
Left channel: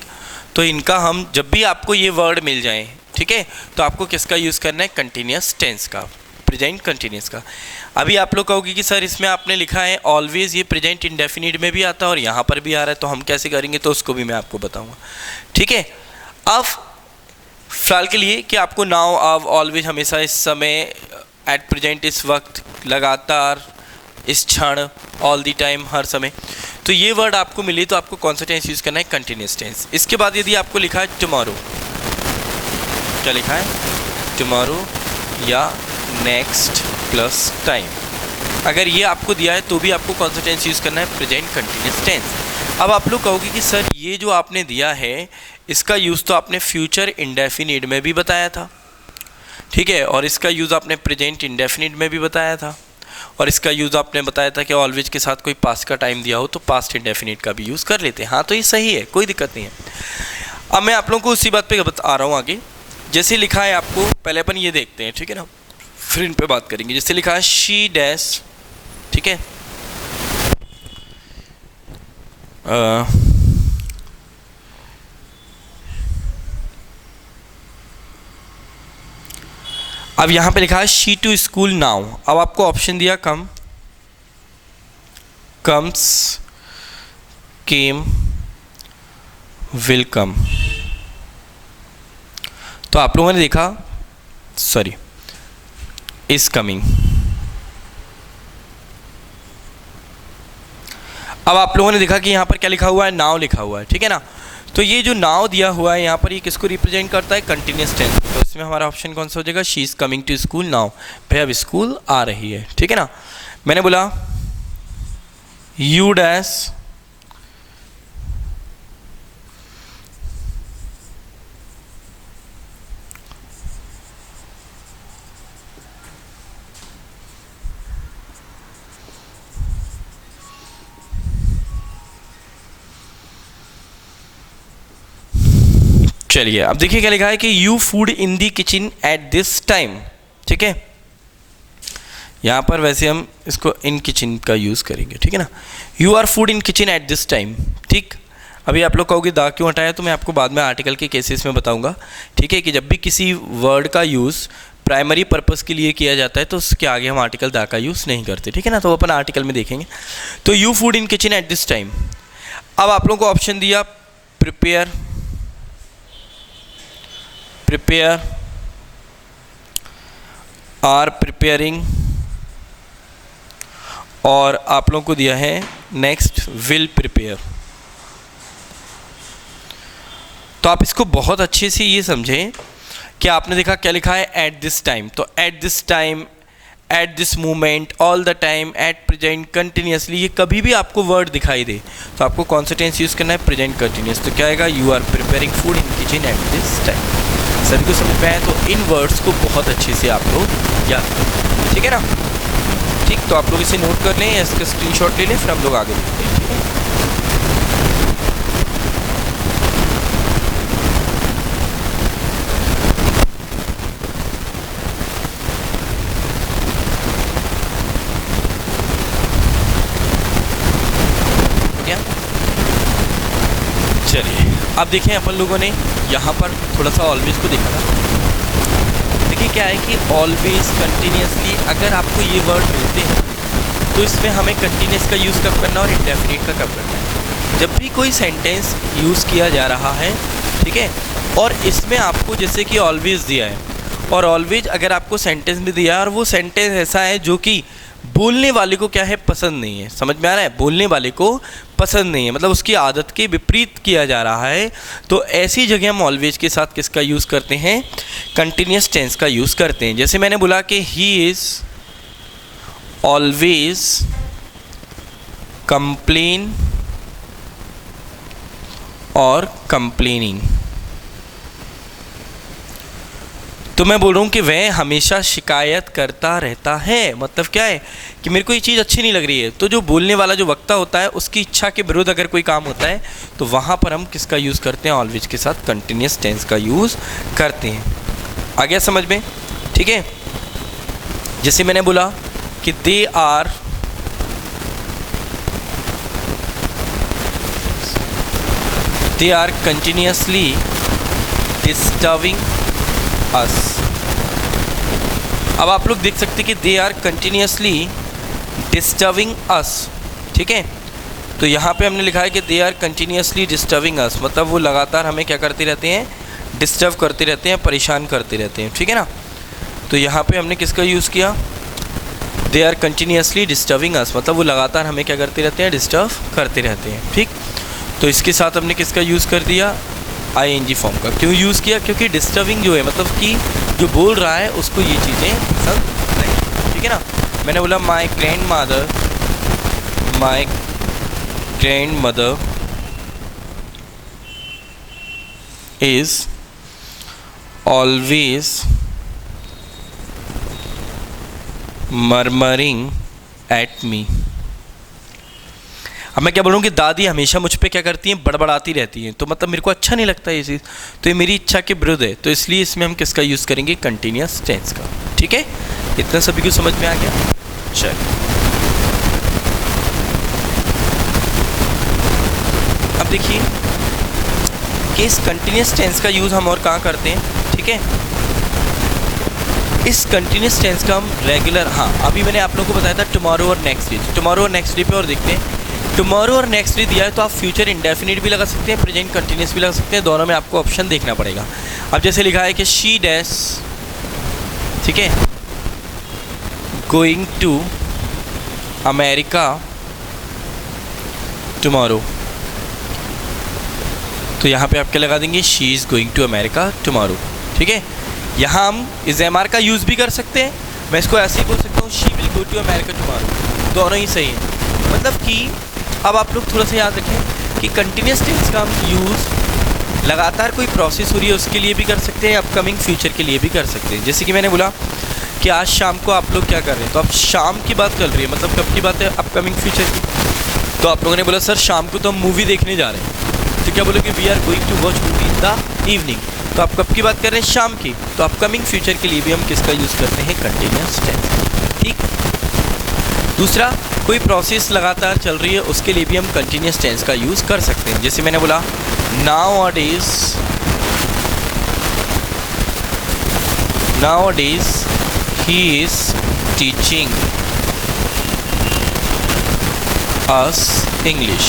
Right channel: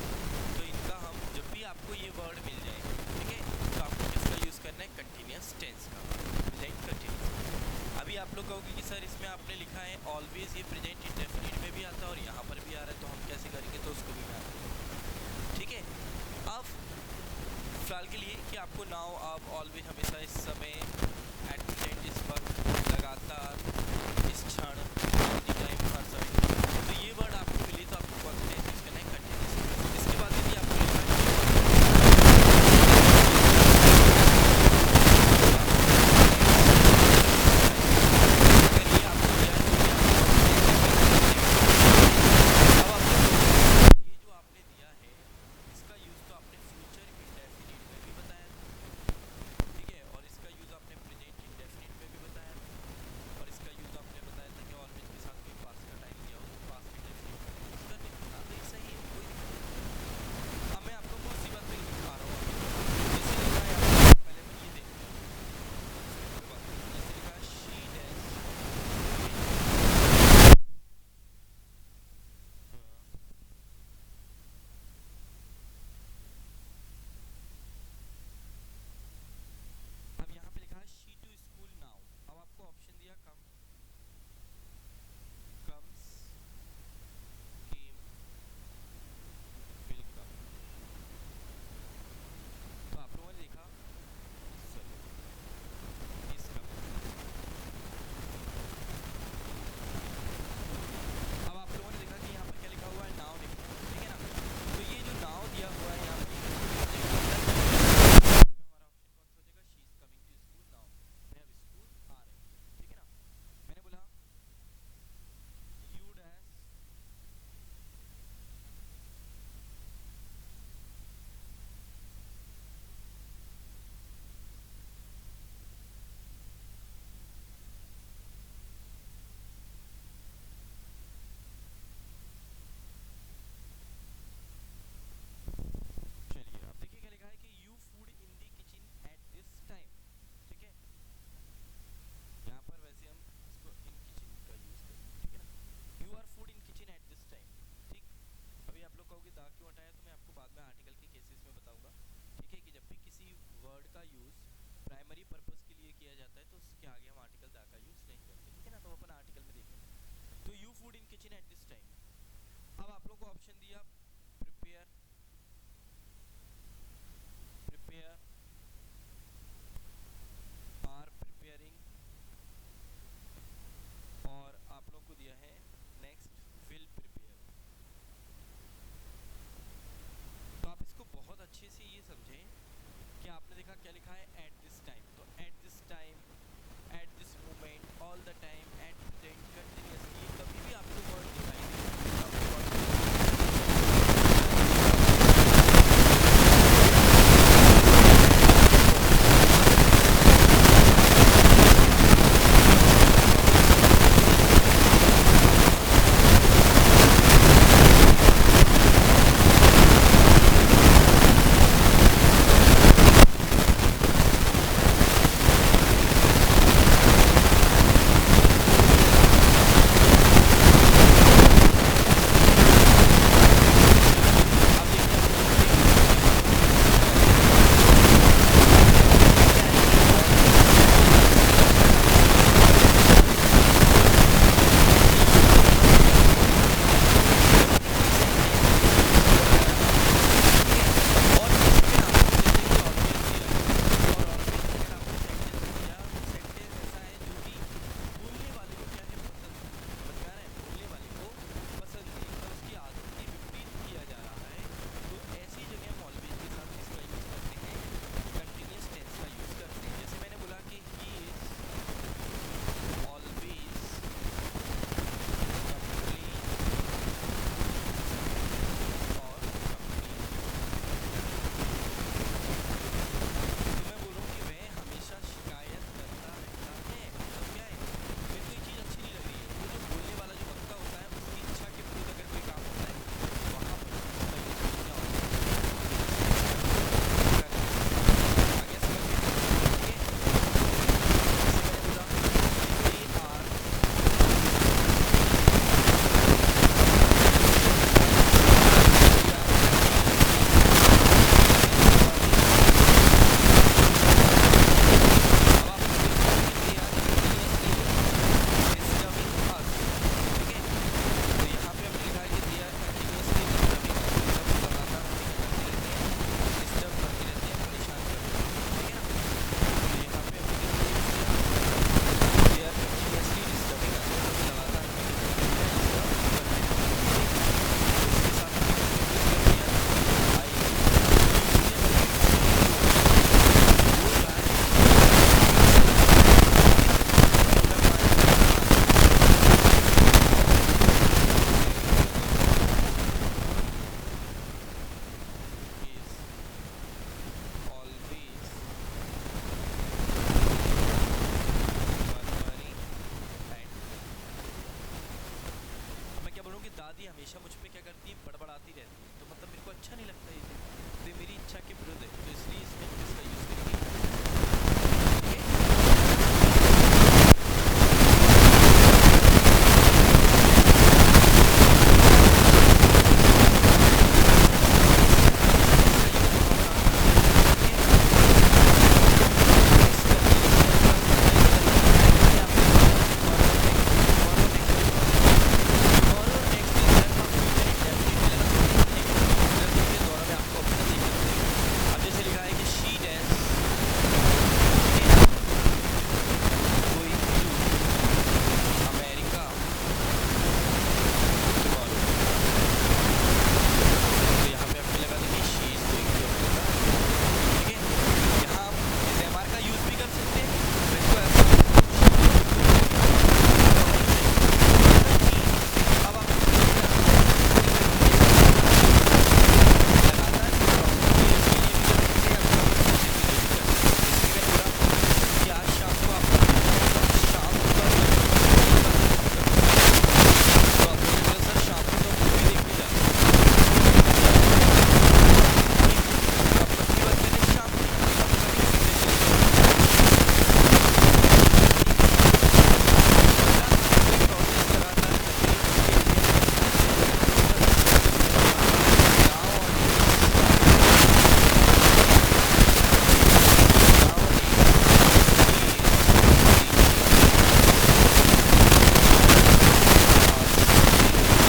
तो इनका हम जब भी आपको ये वर्ड मिल जाए, ठीक है, तो आपको किसका यूज़ करना है, कंटिन्यूस टेंस का, प्रेजेंट कंटिन्यूस का। अभी आप लोग कहोगे कि सर इसमें आपने लिखा है ऑलवेज, ये प्रेजेंट इंडेफिनिट में भी आता है और यहाँ पर भी आ रहा है, तो हम कैसे करेंगे, तो उसको भी मैं आपको बताऊँगा, ठीक है। अब फिलहाल के लिए कि आपको नाउ, अब, ऑलवेज, हमेशा, इस समय, एट प्रेजेंट, इस वक्त, लगातार, इस क्षण, ऑल द टाइम, हर समय, तो ये वर्ड आपको मिले तो आपको कौन सा टेंस यूज़ करना है, कंटिन्यूस टेंस। इसके बाद यदि आपको लिखा है टुमारो, क्या लिखा है, टुमारो या नेक्स्ट प्लस टाइम, अगर ये आपको दिया है तो भी आपको कौन सा टेंस यूज़ करना है, प्रेजेंट कंटिन्यूस टेंस। अब आप लोग कहोगे कि सर ये जो आपने दिया है इसका यूज़ तो आपने फ्यूचर इंडेफिनिट में भी बताया था, ठीक है, और इसका यूज़ आपने प्रेजेंट इंडेफिनिट में भी बताया था, और इसका यूज़ आपने बताया था कि ऑलवेज के साथ कोई पास्ट का टाइम दिया हो तो पास्ट इंडेफिनिट का भी यूज़ कर लेते हैं। हाँ, तो ये सही है, कोई दिक्कत नहीं है। अब मैं आप लोगों को उसी बात पे बता रहा हूँ आगे। जैसे लिखा है आपको, पहले अपन ये देखते हैं, ठीक है ना, फिर इन पे बात करेंगे। जैसे लिखा है शी डैश, ठीक है, अब यहाँ पे लिखा है शी टू स्कूल नाउ। अब आपको ऑप्शन दिया कम, कम्स, केम, विल कम। तो आप लोगों ने देखा, सॉरी, इज कमिंग। अब आप लोगों ने देखा कि यहाँ पर क्या लिखा हुआ है, नाउ लिखा हुआ है, ठीक है ना। तो ये जो नाउ दिया हुआ है यहाँ पर, ये किसको रिप्रेजेंट करता है, कंटिन्यूस टेंस। तो इसमें हमारा ऑप्शन कौन सा हो जाएगा, she is coming to school now, भाई अब स्कूल आ रही है, ठीक है ना। मैंने बोला यू डैश, चलिए अब देखिए क्या लिखा है कि you food in the kitchen at this time, ठीक है। यहाँ पर वैसे हम इसको इन किचन का यूज़ करेंगे, ठीक है ना। You are food in kitchen at this time, ठीक। अभी आप लोग कहोगे दा क्यों हटाया, तो मैं आपको बाद में आर्टिकल के केसेस में बताऊंगा, ठीक है, कि जब भी किसी वर्ड का यूज़ प्राइमरी पर्पस के लिए किया जाता है तो उसके आगे हम आर्टिकल दा का यूज़ नहीं करते, ठीक है ना। तो अपन आर्टिकल में देखेंगे। तो you food in kitchen at this time. अब आप लोगों को ऑप्शन दिया प्रिपेयर, प्रिपेयर, आर प्रिपेयरिंग, और आप लोगों को दिया है नेक्स्ट विल प्रिपेयर। तो आप इसको बहुत अच्छे से ये समझें कि आपने देखा क्या लिखा है एट दिस टाइम, तो eight this time, at this moment, all the time, at present, continuously, ये कभी भी आपको वर्ड दिखाई दे तो आपको कौन सा टेंस यूज़ करना है, प्रेजेंट कंटिन्यूस। तो क्या आएगा, you are preparing food in at this time. इन वर्ड्स को बहुत अच्छे से आपको याद करना है, ठीक है ना। ठीक, तो आप लोग इसे नोट कर लें, इसका स्क्रीनशॉट ले लें, फिर हम लोग आगे। अब देखें अपन लोगों ने यहाँ पर थोड़ा सा ऑलवेज को देखा, देखिए क्या है कि ऑलवेज कंटिन्यूसली, अगर आपको ये वर्ड देखा तो इसमें हमें कंटिन्यूस का यूज़ कब करना और इंडेफिनिट का कब करना। जब भी कोई सेंटेंस यूज़ किया जा रहा है, ठीक है, और इसमें आपको जैसे कि ऑलवेज दिया है, और ऑलवेज अगर आपको सेंटेंस भी दिया है और वो सेंटेंस ऐसा है जो कि बोलने वाले को क्या है, पसंद नहीं है, समझ में आ रहा है, बोलने वाले को पसंद नहीं है, मतलब उसकी आदत के विपरीत किया जा रहा है, तो ऐसी जगह हम ऑलवेज के साथ किसका यूज़ करते हैं, कंटिन्यूस टेंस का यूज़ करते हैं। जैसे मैंने बोला कि ही इज़ ऑलवेज कंप्लेन और कंप्लेनिंग, तो मैं बोल रहा हूँ कि वह हमेशा शिकायत करता रहता है। मतलब क्या है कि मेरे को ये चीज़ अच्छी नहीं लग रही है, तो जो बोलने वाला जो वक्ता होता है उसकी इच्छा के विरुद्ध अगर कोई काम होता है तो वहाँ पर हम किसका यूज़ करते हैं, ऑलवेज के साथ कंटिन्यूस टेंस का यूज़ करते हैं। आ गया समझ में, ठीक है। जैसे मैंने बोला कि दे आर कंटिन्यूसली डिस्टर्बिंग अस। अब आप लोग देख सकते हैं कि दे आर कंटिन्यूसली डिस्टर्बिंग अस, ठीक है। तो यहाँ पे हमने लिखा है कि दे आर कंटिन्यूसली डिस्टर्बिंग अस, मतलब वो लगातार हमें क्या करते रहते हैं, डिस्टर्ब करते रहते हैं, परेशान करते रहते हैं, ठीक है ना। तो यहाँ पे हमने किसका यूज़ किया, दे आर कंटिन्यूसली डिस्टर्बिंग अस, मतलब वो लगातार हमें क्या करते रहते हैं, डिस्टर्ब करते रहते हैं, ठीक। तो इसके साथ हमने किसका यूज़ कर दिया, ING फॉर्म का। क्यों यूज़ किया, क्योंकि डिस्टर्बिंग जो है मतलब कि जो बोल रहा है उसको ये चीज़ें, ठीक है ना। मैंने बोला my grand mother is always murmuring at me. अब मैं क्या बोल रहा हूँ कि दादी हमेशा मुझ पे क्या करती हैं, बड़बड़ाती रहती हैं, तो मतलब मेरे को अच्छा नहीं लगता ये चीज़, तो ये मेरी इच्छा के विरुद्ध है, तो इसलिए इसमें हम किसका यूज़ करेंगे, कंटिन्यूस टेंस का, ठीक है। इतना सभी को समझ में आ गया। चलो अब देखिए कि इस कंटिन्यूस टेंस का यूज़ हम और कहाँ करते हैं, ठीक है। इस कंटिन्यूस टेंस का हम रेगुलर, हाँ अभी मैंने आप लोगों को बताया था टुमारो और नेक्स्ट डे, टुमारो और नेक्स्ट डे पे, और देखिए टुमारो और नेक्स्ट डे दिया है तो आप फ्यूचर इंडेफिनिट भी लगा सकते हैं, प्रेजेंट कंटिन्यूस भी लगा सकते हैं, दोनों में आपको ऑप्शन देखना पड़ेगा। अब जैसे लिखा है कि शी डैश, ठीक है, गोइंग टू अमेरिका टुमारो, तो यहाँ पे आप क्या लगा देंगे, she is going to America tomorrow, ठीक है। यहाँ हम इस MR का यूज़ भी कर सकते हैं, मैं इसको ऐसे बोल सकता हूँ, she will go to America tomorrow, दोनों ही सही, मतलब कि अब आप लोग थोड़ा सा याद रखें कि कंटिन्यूस टेंस का यूज़ लगातार कोई प्रोसेस हो रही है उसके लिए भी कर सकते हैं, अपकमिंग फ्यूचर के लिए भी कर सकते हैं। जैसे कि मैंने बोला कि आज शाम को आप लोग क्या कर रहे हैं, तो अब शाम की बात कर रही है, मतलब कब की बात है, अपकमिंग फ्यूचर की। तो आप लोगों ने बोला सर शाम को तो हम मूवी देखने जा रहे हैं, तो क्या बोलोगे, we are going to watch movie in the evening, तो आप कब की बात कर रहे हैं, शाम की, तो अपकमिंग फ्यूचर के लिए भी हम किसका यूज़ करते हैं, कंटिन्यूस, ठीक। दूसरा, कोई प्रोसेस लगातार चल रही है उसके लिए भी हम कंटिन्यूस टेंस का यूज़ कर सकते हैं। जैसे मैंने बोला nowadays he is teaching us English.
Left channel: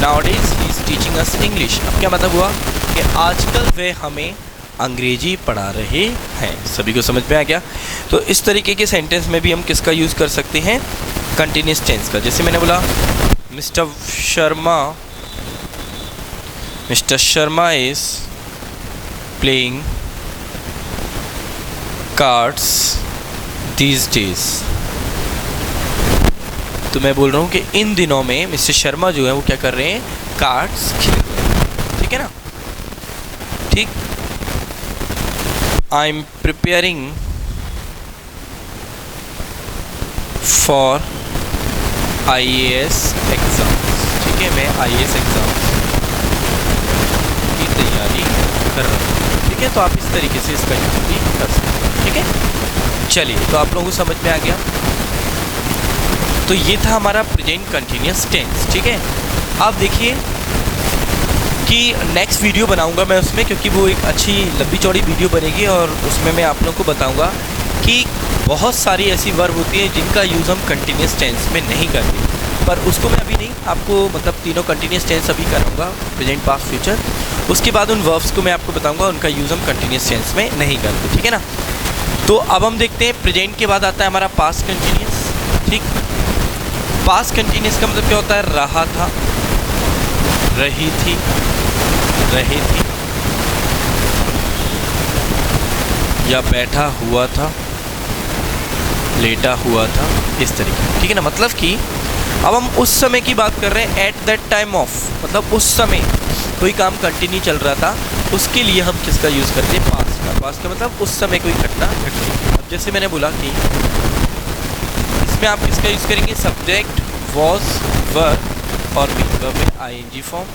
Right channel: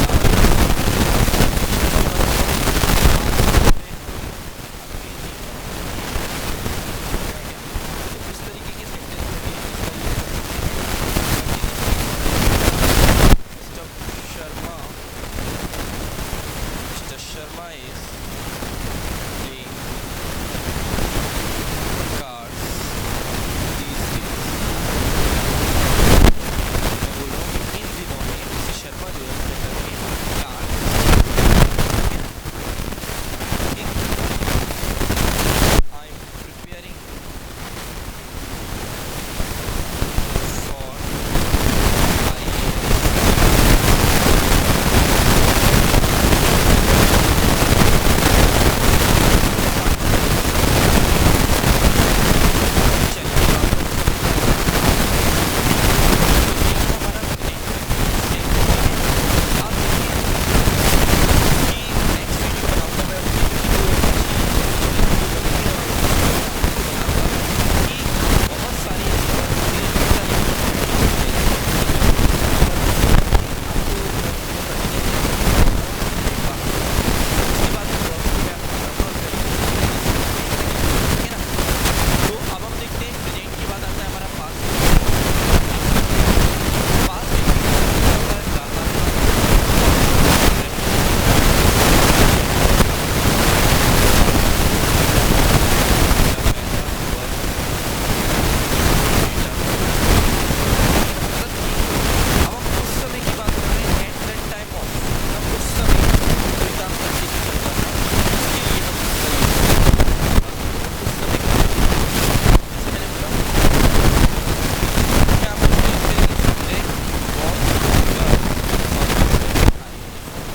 Nowadays he is teaching us English. क्या मतलब हुआ कि आजकल वे हमें अंग्रेजी पढ़ा रहे हैं। सभी को समझ में आ गया? तो इस तरीके के सेंटेंस में भी हम किसका यूज़ कर सकते हैं? कंटिन्यूस टेंस का। जैसे मैंने बोला mister Sharma is playing cards these days. तो मैं बोल रहा हूँ कि इन दिनों में मिस्टर शर्मा जो है वो क्या कर रहे हैं? कार्ड्स। ठीक है ना? ठीक। I am preparing for IAS चलिए, तो आप लोगों को समझ में आ गया। तो ये था हमारा प्रेजेंट कंटिन्यूअस टेंस। ठीक है, अब देखिए कि नेक्स्ट वीडियो बनाऊंगा मैं उसमें, क्योंकि वो एक अच्छी लंबी चौड़ी वीडियो बनेगी और उसमें मैं आप लोगों को बताऊंगा कि बहुत सारी ऐसी वर्ब होती है जिनका यूज़ हम कंटिन्यूअस टेंस में नहीं करते, पर उसको मैं अभी नहीं आपको मतलब तीनों कंटिन्यूअस टेंस अभी करूँगा, प्रेजेंट पास्ट फ्यूचर। उसके बाद उन वर्ब्स को मैं आपको बताऊँगा उनका यूज़ हम कंटिन्यूअस टेंस में नहीं करेंगे। ठीक है ना? तो अब हम देखते हैं प्रेजेंट के बाद आता है हमारा पास्ट कंटिन्यूअस। ठीक, पास्ट कंटिन्यूअस का मतलब क्या होता है? रहा था, रही थी, रहे या बैठा हुआ था, लेटा हुआ था, इस तरह। ठीक है ना? मतलब कि अब हम उस समय की बात कर रहे हैं, एट दैट टाइम ऑफ, मतलब उस समय कोई काम कंटिन्यू चल रहा था, उसके लिए हम किसका यूज़ करते हैं? पास्ट का मतलब उस समय कोई घटना। जैसे मैंने बोला कि इसमें आप किसका यूज़ करेंगे? सब्जेक्ट, वॉज, वर्ब और ING फॉर्म।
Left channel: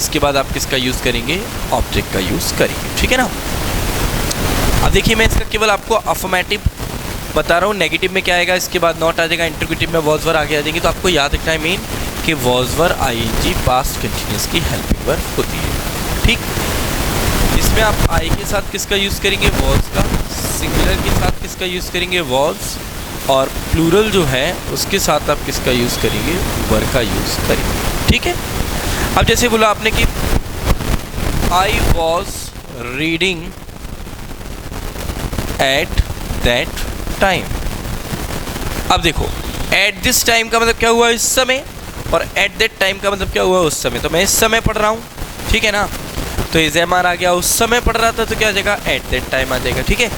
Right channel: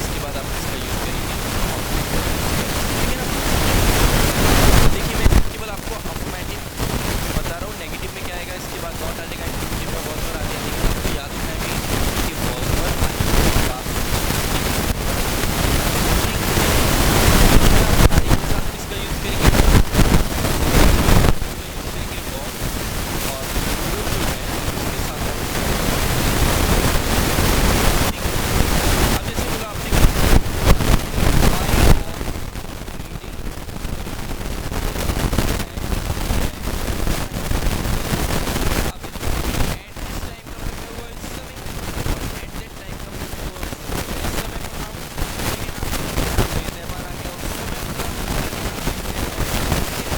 इसके बाद आप किसका यूज़ करेंगे? ऑब्जेक्ट का यूज़ करेंगे। ठीक है ना? अब देखिए, मैं इसका केवल आपको अफर्मेटिव बता रहा हूँ, नेगेटिव में क्या आएगा? इसके बाद नॉट आ जाएगा, इंटरोगेटिव में वॉज वर आगे आ जाएगी। तो आपको याद रखना है मेन कि was were ING past continuous की वर्ब होती है। ठीक, इसमें आप आई के साथ किसका यूज़ करेंगे? वॉज का। सिंगुलर के साथ किसका यूज़ करेंगे? वॉज। और प्लूरल जो है उसके साथ आप किसका यूज़ करेंगे? वर्ब का यूज़ करेंगे। ठीक है, अब जैसे बोला आपने कि I was reading eight that time. अब देखो, एट दिस टाइम का मतलब क्या हुआ? इस समय। और एट दैट टाइम का मतलब क्या हुआ? उस समय। तो मैं इस समय पढ़ रहा हूँ। ठीक है ना? तो इज एम आर आ गया, उस समय पढ़ रहा था, तो क्या आ जाएगा? एट दैट टाइम आ जाएगा। ठीक है,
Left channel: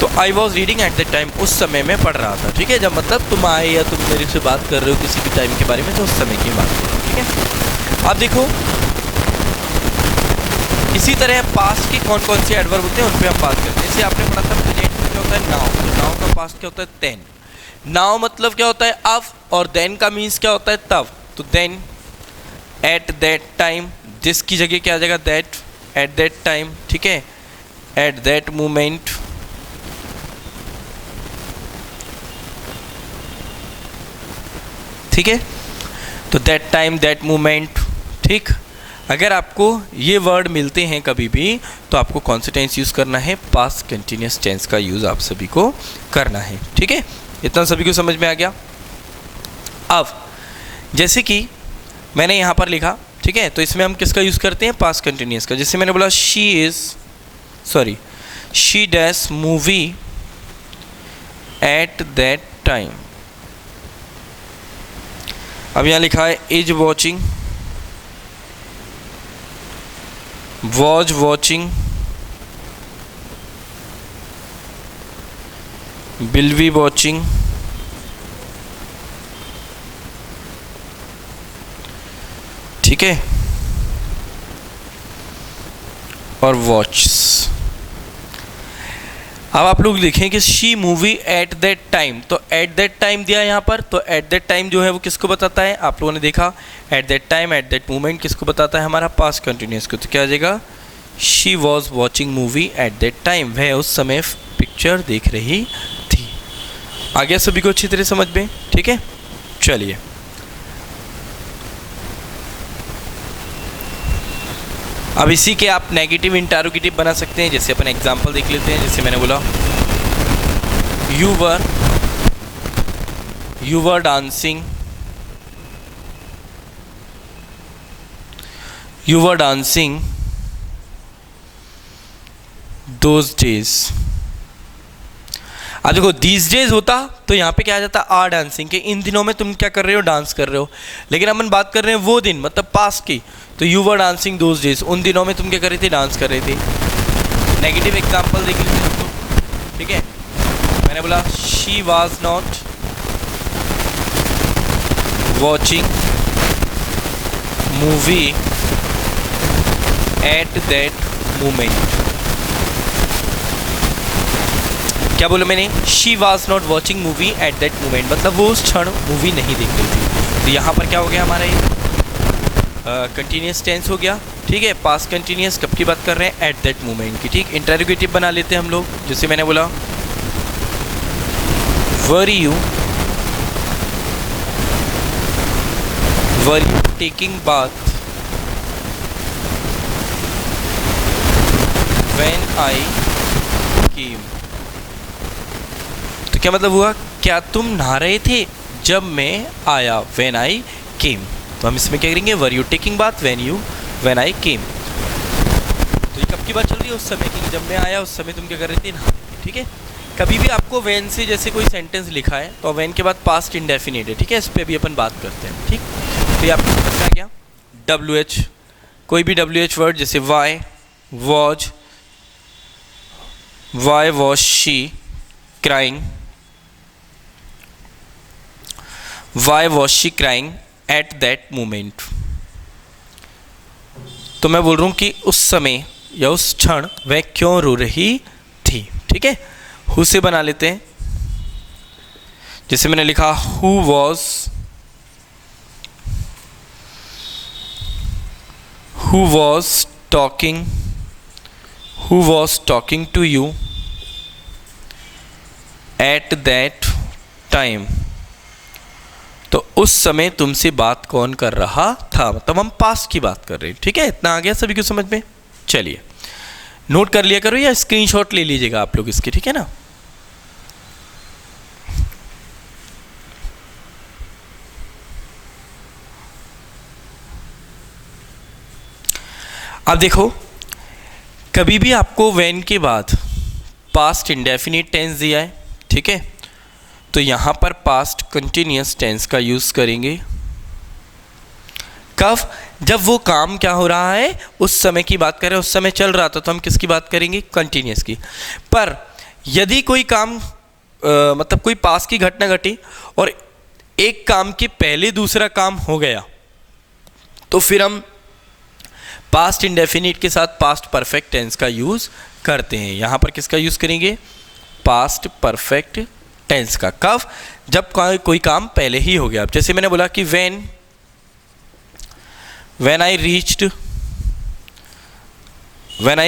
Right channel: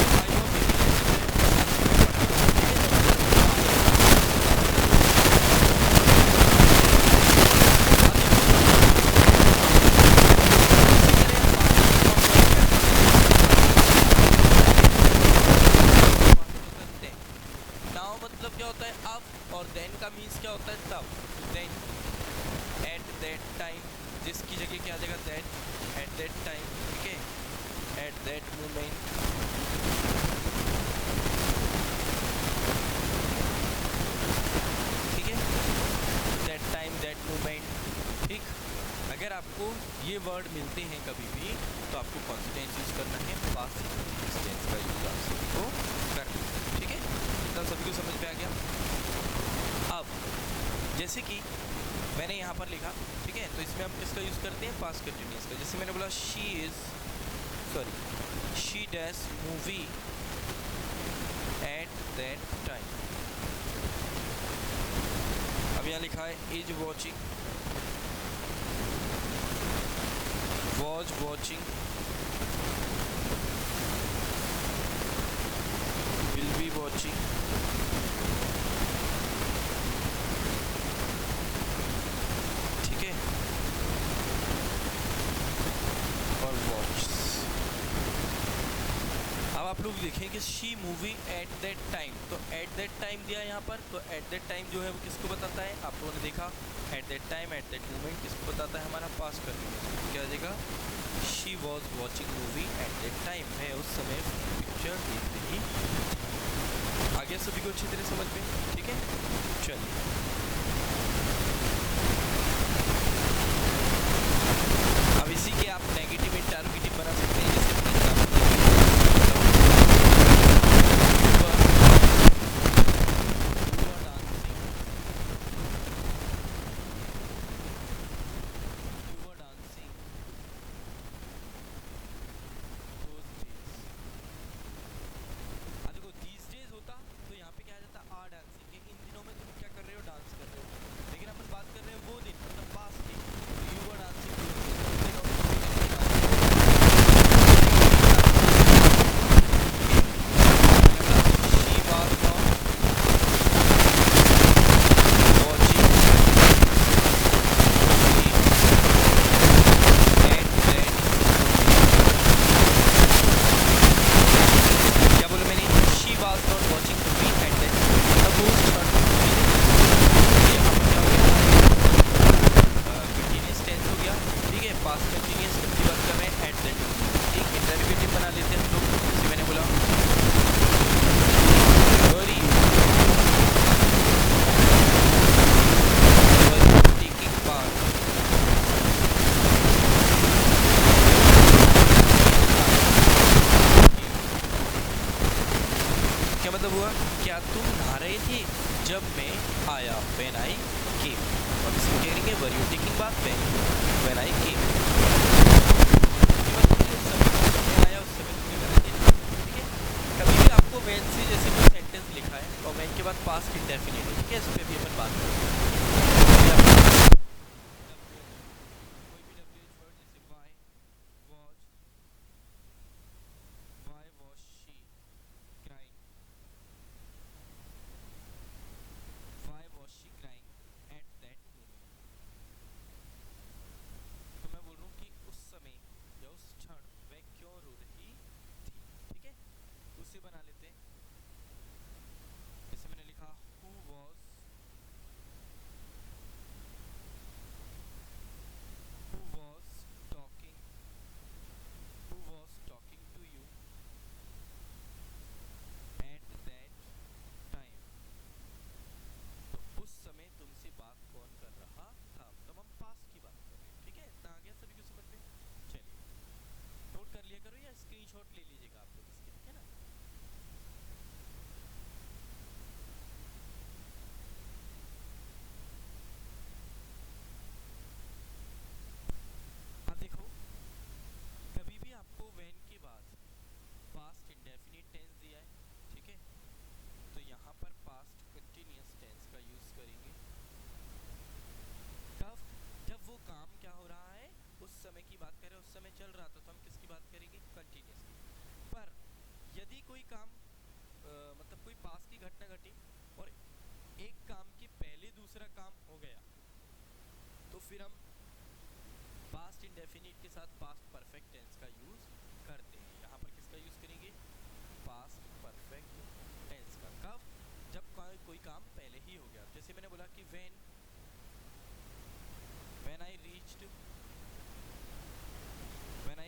तो I was reading eight that time, उस समय में पढ़ रहा था। ठीक है, जब मतलब तुम आए या तुम मेरे से बात कर रहे हो किसी टाइम के बारे में, तो उस समय। अब देखो, इसी तरह पास्ट की कौन कौन से एडवर्ब होते हैं उसमें हम बात करते हैं। जैसे आपने पास्ट क्या होता है? देन। नाउ मतलब क्या होता है? अब। और देन का मीन्स क्या होता है? तब। तो then, at that time, this की जगह क्या आ जाएगा? That, at that time. ठीक है, एट दैट मोमेंट। ठीक है, तो दैट टाइम, दैट मोमेंट। ठीक, अगर आपको ये वर्ड मिलते हैं कभी भी, तो आपको कौन सा टेंस यूज़ करना है? पास्ट कंटिन्यूअस टेंस का यूज़ आप सभी को करना है। ठीक है, इतना सभी को समझ में आ गया। अब जैसे कि मैंने यहाँ पर लिखा, ठीक है, तो इसमें हम किसका यूज़ करते हैं? पास्ट कंटिन्यूअस का। जैसे मैंने बोला she dash movie eight that time. अब यहाँ लिखा है is watching, was watching, will be watching. ठीक है, और वॉच। अब आप लोग लिखें कि she movie eight that time, तो एट दैट टाइम दिया यहाँ पर, तो एट दैट टाइम जो है वो किसको बताता है? आप लोगों ने देखा, eight that time, at that moment किसको बताता है? हमारा पास्ट कंटिन्यूअस को। तो क्या आ जाएगा? She was watching movie eight that time, वह उस समय पिक्चर देख रही थी। आ गया सभी को अच्छी तरह समझ में? ठीक है, चलिए। अब इसी के आप नेगेटिव इंटरोगेटिव बना सकते हैं। जैसे अपन एग्जांपल देख लेते हैं। जैसे मैंने बोला you were dancing, you were dancing those days. अब देखो दीज डेज होता तो यहाँ पे क्या आ जाता, आर डांसिंग, के इन दिनों में तुम क्या कर रहे हो, डांस कर रहे हो। लेकिन अपन बात कर रहे हैं वो दिन, मतलब पास्ट की, तो you were dancing those days, उन दिनों में तुम क्या कर रही थी, डांस कर रही थी। नेगेटिव एग्जाम्पल देखिए, ठीक है। मैंने बोला she was not watching movie at that moment. क्या बोला मैंने, she was not watching movie at that moment, मतलब वो उस क्षण मूवी नहीं देखी। तो यहाँ पर क्या हो गया हमारे, कंटिन्यूस टेंस हो गया, ठीक है। पास्ट कंटिन्यूस कब की बात कर रहे हैं, एट दैट मोमेंट की, ठीक। इंटरोगेटिव बना लेते हैं हम लोग। जैसे मैंने बोला were you taking bath when I came. तो क्या मतलब हुआ, क्या तुम नहा रहे थे जब मैं आया, व्हेन आई केम। तो हम इसमें क्या करेंगे, were you taking bath when I came. तो कब की बात चल रही है, उस समय जब मैं आया, उस समय तुम क्या कर रही थी, ठीक है। कभी भी आपको व्हेन से जैसे कोई सेंटेंस लिखा है तो व्हेन के बाद पास्ट इंडेफिनिट है, ठीक है। इस पर भी अपन बात करते हैं, ठीक। तो आप क्या WH, कोई भी WH वर्ड, जैसे why was she crying, why was she crying at that moment. तो मैं बोल रहा हूँ कि उस समय या उस क्षण वह क्यों रो रही थी, ठीक है। हु से बना लेते हैं। जैसे मैंने लिखा who was talking to you at that time. तो उस समय तुमसे बात कौन कर रहा था, मतलब हम पास्ट की बात कर रहे हैं, ठीक है। इतना आ गया सभी को समझ में। चलिए नोट कर लिया करो या स्क्रीनशॉट ले लीजिएगा आप लोग इसके, ठीक है ना। अब देखो, कभी भी आपको व्हेन के बाद पास्ट इंडेफिनिट टेंस दिया है, ठीक है, तो यहाँ पर पास्ट कंटिन्यूस टेंस का यूज़ करेंगे। कब, जब वो काम क्या हो रहा है, उस समय की बात करें, उस समय चल रहा था, तो हम किसकी बात करेंगे, कंटिन्यूस की। पर यदि कोई काम मतलब कोई पास की घटना घटी और एक काम के पहले दूसरा काम हो गया, तो फिर हम पास्ट इंडेफिनिट के साथ पास्ट परफेक्ट टेंस का यूज़ करते हैं। यहाँ पर किसका यूज़ करेंगे, पास्ट परफेक्ट टेंस का। कब, जब कोई काम पहले ही हो गया। जैसे मैंने बोला कि when I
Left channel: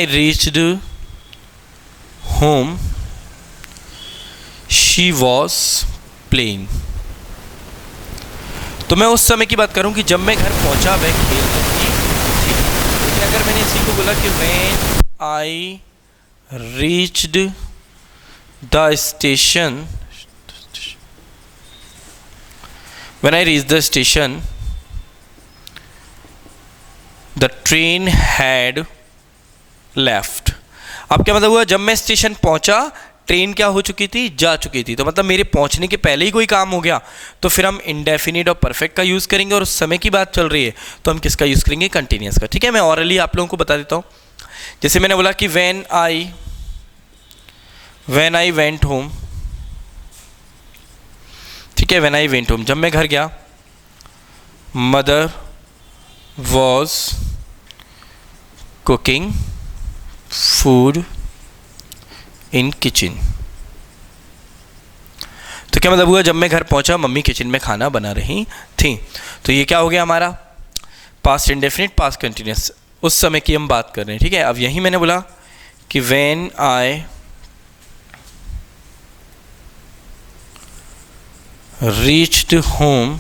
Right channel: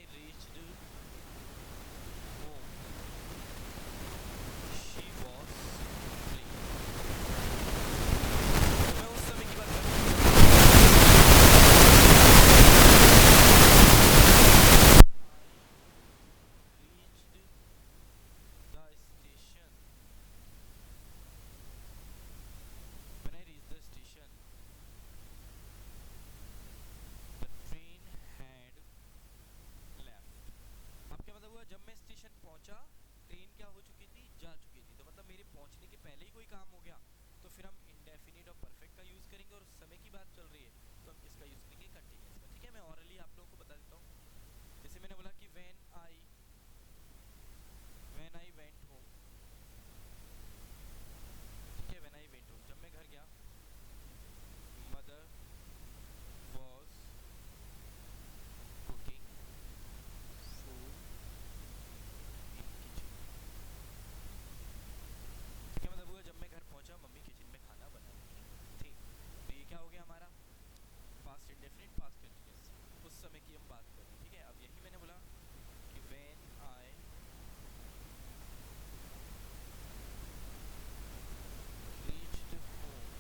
reached home she was playing। तो मैं उस समय की बात करूं कि जब मैं घर पहुंचा, I reached the station, when I reached the station the train had left। अब क्या मतलब हुआ, जब मैं स्टेशन पहुंचा ट्रेन क्या हो चुकी थी, जा चुकी थी। तो मतलब मेरे पहुंचने के पहले ही कोई काम हो गया, तो फिर हम इंडेफिनिट और परफेक्ट का यूज़ करेंगे। और उस समय की बात चल रही है तो हम किसका यूज़ करेंगे, कंटिन्यूस का, ठीक है। मैं ऑरली आप लोगों को बता देता हूँ। जैसे मैंने बोला कि when I went home, ठीक है, when I went home, जब मैं घर गया, mother was cooking food in kitchen। तो क्या मतलब हुआ, जब मैं घर पहुंचा मम्मी किचन में खाना बना रही थी। तो ये क्या हो गया हमारा, पास्ट इंडेफिनिट पास्ट कंटिन्यूस, उस समय की हम बात कर रहे हैं, ठीक है। अब यही मैंने बोला कि when I reached home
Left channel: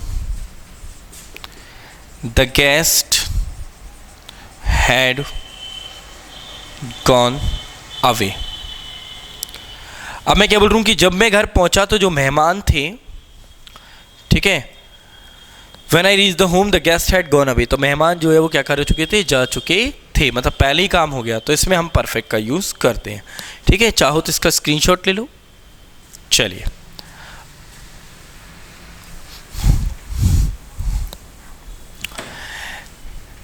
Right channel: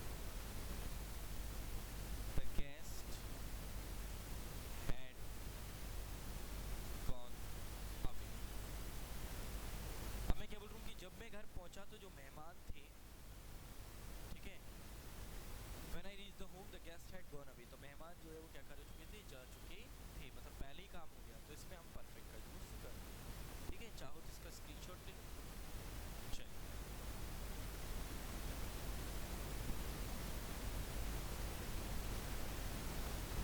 the guest had gone away. अब मैं क्या बोल रहा हूँ कि जब मैं घर पहुंचा तो जो मेहमान थे, ठीक है, when I reach the home the guest had gone away, तो मेहमान जो है वो क्या कर चुके थे, जा चुके थे, मतलब पहले ही काम हो गया। तो इसमें हम परफेक्ट का यूज़ करते हैं, ठीक है। चाहो तो इसका स्क्रीनशॉट ले लो। चलिए,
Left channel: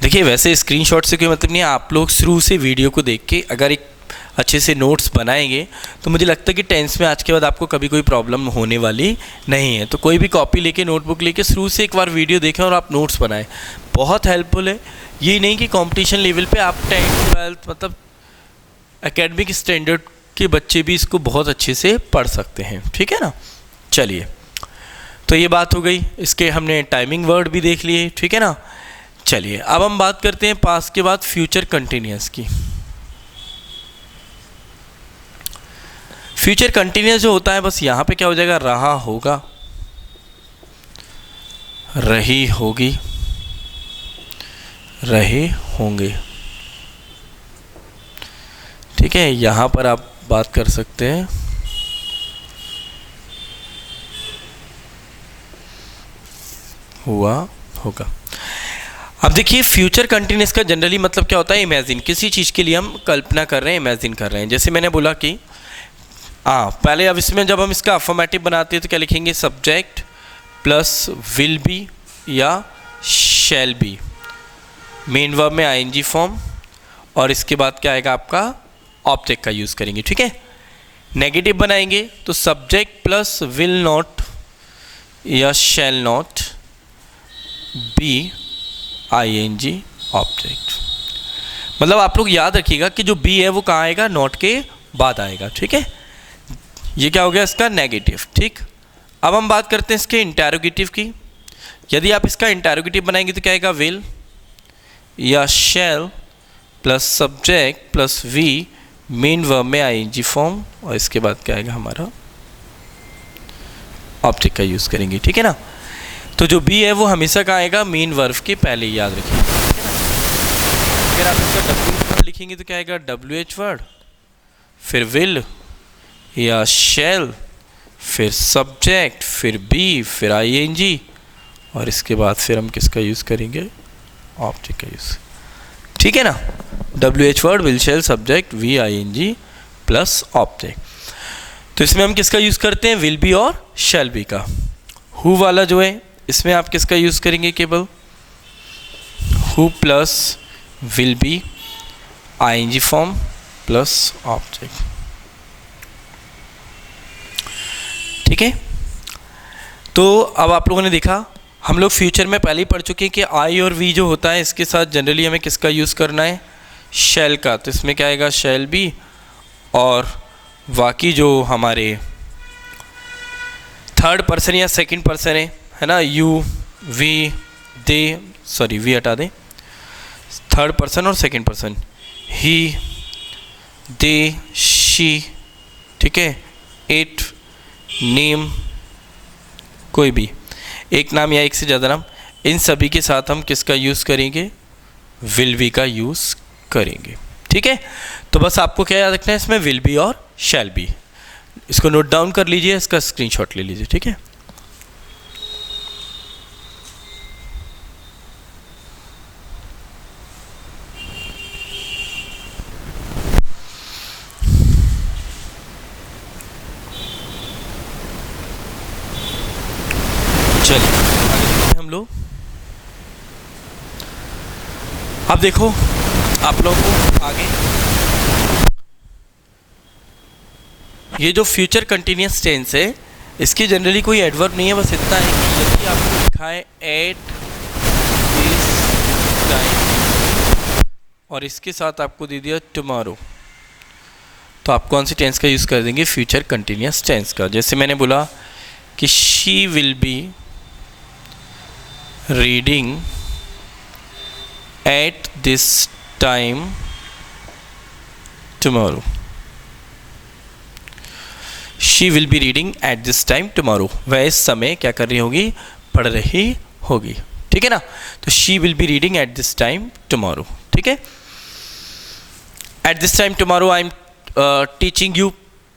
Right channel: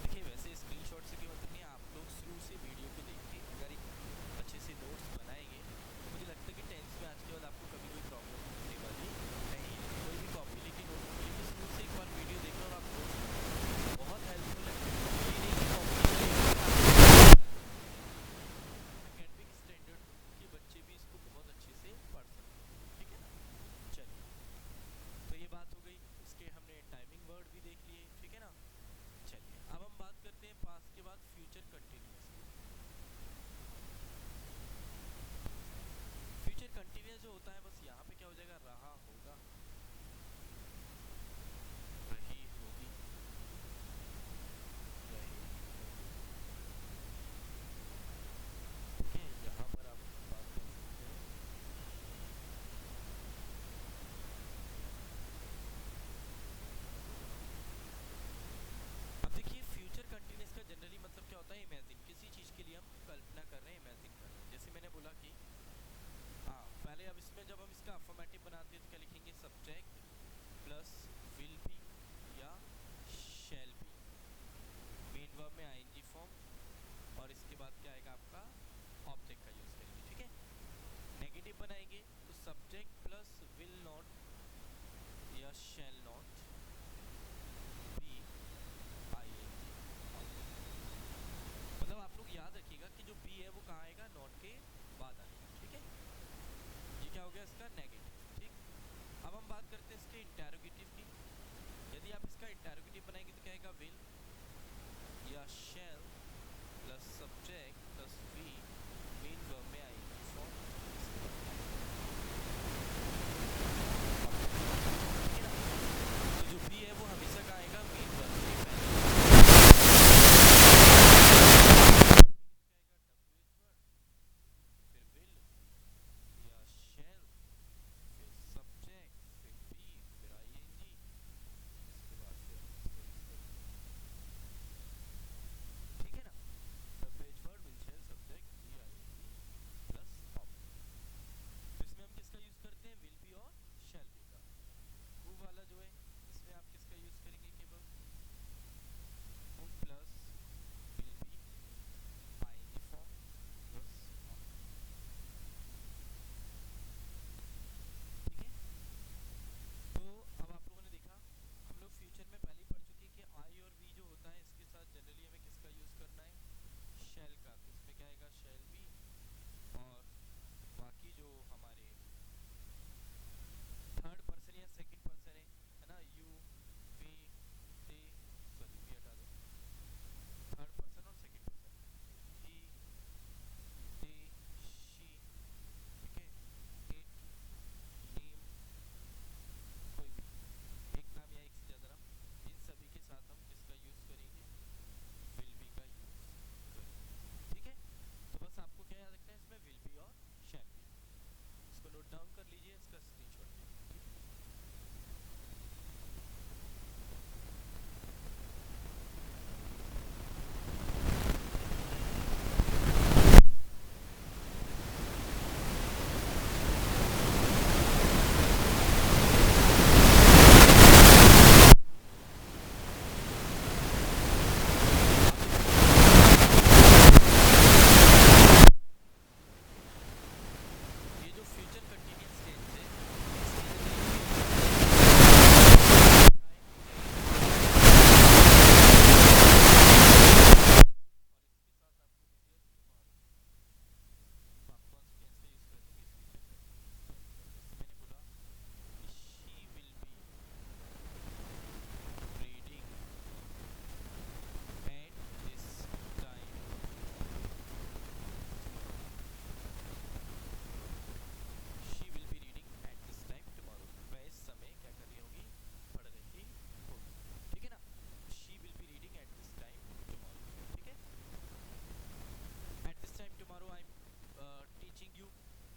देखिए वैसे स्क्रीनशॉट से कोई मतलब नहीं है, आप लोग शुरू से वीडियो को देख के अगर एक अच्छे से नोट्स बनाएंगे तो मुझे लगता है कि टेंस में आज के बाद आपको कभी कोई प्रॉब्लम होने वाली नहीं है। तो कोई भी कॉपी लेके, नोटबुक लेके शुरू से एक बार वीडियो देखें और आप नोट्स बनाएं, बहुत हेल्पफुल है। ये नहीं कि कंपटीशन लेवल पे आप 10th 12th मतलब एकेडमिक स्टैंडर्ड के बच्चे भी इसको बहुत अच्छे से पढ़ सकते हैं, ठीक है ना। चलिए, तो ये बात हो गई, इसके हमने टाइमिंग वर्ड भी देख लिए, ठीक है ना। चलिए अब हम बात करते हैं पास्ट के बाद फ्यूचर कंटिन्यूअस की। फ्यूचर कंटिन्यूअस जो होता है, बस यहाँ पे क्या हो जाएगा, रहा होगा, रही होगी, रहे होंगे, ठीक है। यहाँ पर आप बात कर सकते हैं हुआ होगा। अब देखिए फ्यूचर कंटिन्यूअस का जनरली मतलब क्या होता है, इमेजिन, किसी चीज़ के लिए हम कल्पना कर रहे हैं, इमेजिन कर रहे हैं। जैसे मैंने बोला कि पहले अब इसमें जब हम इसका अफर्मेटिव बनाते हैं तो क्या लिखेंगे, सब्जेक्ट प्लस विल बी या शैल बी, मेन वर्ब में आईएनजी फॉर्म, और इसके बाद क्या आएगा आपका, ऑब्जेक्ट का यूज़ करेंगे, ठीक है। नेगेटिव बनाएंगे तो सब्जेक्ट प्लस विल नॉट या shall not be ING object. मतलब आप लोग याद रखिएगा कि जो बी है वो कहाँ आएगा, नॉट के बाद आएगा, ठीक है। ये क्या हो गया इसका नेगेटिव, ठीक। अब हम बात करते हैं इसके इंटेरोगेटिव की। यदि आप इसका इंटेरोगेटिव बनाएंगे तो क्या आएगा, विल या shall plus subject plus V, main verb में आईएनजी फॉर्म, और इसके बाद क्या आएगा हमारा, ऑब्जेक्ट का यूज़ करेंगे, ठीक है ना। तो जो बी है वो हमेशा कहाँ आएगा, मेन वर्ब के पहले, याद रखिए। लिखेंगे तो क्या आएगा, WH वर्ड, फिर विल या शैल, फिर सब्जेक्ट, फिर बी, फिर आईएनजी, और इसके बाद फिर हम किसका यूज़ करेंगे, ऑब्जेक्ट का यूज़, ठीक है ना। WH word, will, shall, subject, V, ING plus object. तो इसमें हम किसका यूज़ करते हैं, विल बी और शैल बी का। हु वाला जो है इसमें आप किसका यूज़ करेंगे, केवल who plus will be, ING form plus object, ठीक है। तो अब आप लोगों ने देखा, हम लोग फ्यूचर में पहले ही पढ़ चुके हैं कि आई और वी जो होता है इसके साथ जनरली हमें किसका यूज़ करना है, शैल का। तो इसमें क्या आएगा, शैल बी, और बाकी जो हमारे थर्ड पर्सन या सेकंड पर्सन है ना, you, we, they, sorry we हटा दें, थर्ड पर्सन और second person, he, they, she, ठीक है, इट, नेम, कोई भी एक नाम या एक से ज़्यादा नाम, इन सभी के साथ हम किसका यूज़ करेंगे, विल बी का यूज़ करेंगे, ठीक है। तो बस आपको क्या याद रखना है, इसमें विल बी और शैल बी, इसको नोट डाउन कर लीजिए, इसका स्क्रीनशॉट ले लीजिए, ठीक है। हम लोग अब देखो, आप लोग आगे ये जो फ्यूचर कंटिन्यूअस टेंस है इसकी जनरली कोई एडवर्ब नहीं है, बस इतना लिखा है एट, और इसके साथ आपको दे दिया टुमारो। तो आप कौन सी टेंस का यूज़ कर देंगे, फ्यूचर कंटिन्यूअस टेंस का। जैसे मैंने बोला कि she will be reading at this time tomorrow, she will be reading at this time tomorrow, वह इस समय क्या कर रही होगी, पढ़ रही होगी, ठीक है ना। तो she will be reading at this time tomorrow, ठीक है। At this time tomorrow I am teaching you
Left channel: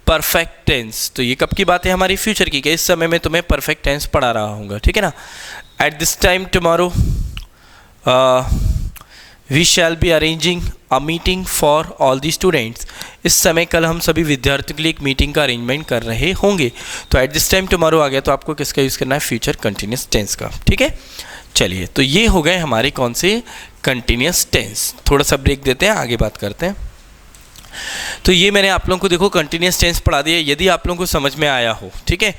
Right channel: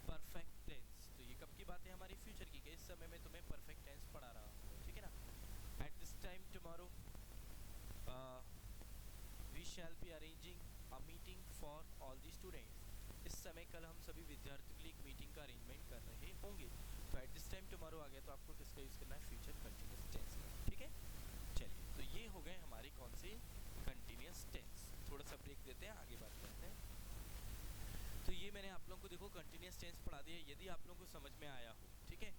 perfect tense. तो ये कब की बात है? हमारी फ्यूचर की, कि इस समय मैं तुम्हें परफेक्ट टेंस पढ़ा रहा हूँ, ठीक है ना। At this time tomorrow we shall be arranging a meeting for all the students. इस समय कल हम सभी विद्यार्थियों के लिए एक मीटिंग का अरेंजमेंट कर रहे होंगे। तो एट दिस टाइम टुमारो आ गया, तो आपको किसका यूज़ करना है? फ्यूचर कंटिन्यूस टेंस का, ठीक है। चलिए, तो ये हो गए हमारे कौन से? Continuous tense. थोड़ा सा ब्रेक देते हैं, आगे बात करते हैं। तो ये मैंने आप लोगों को देखो कंटिन्यूस टेंस पढ़ा दिया। यदि आप लोगों को समझ में आया हो, ठीक है,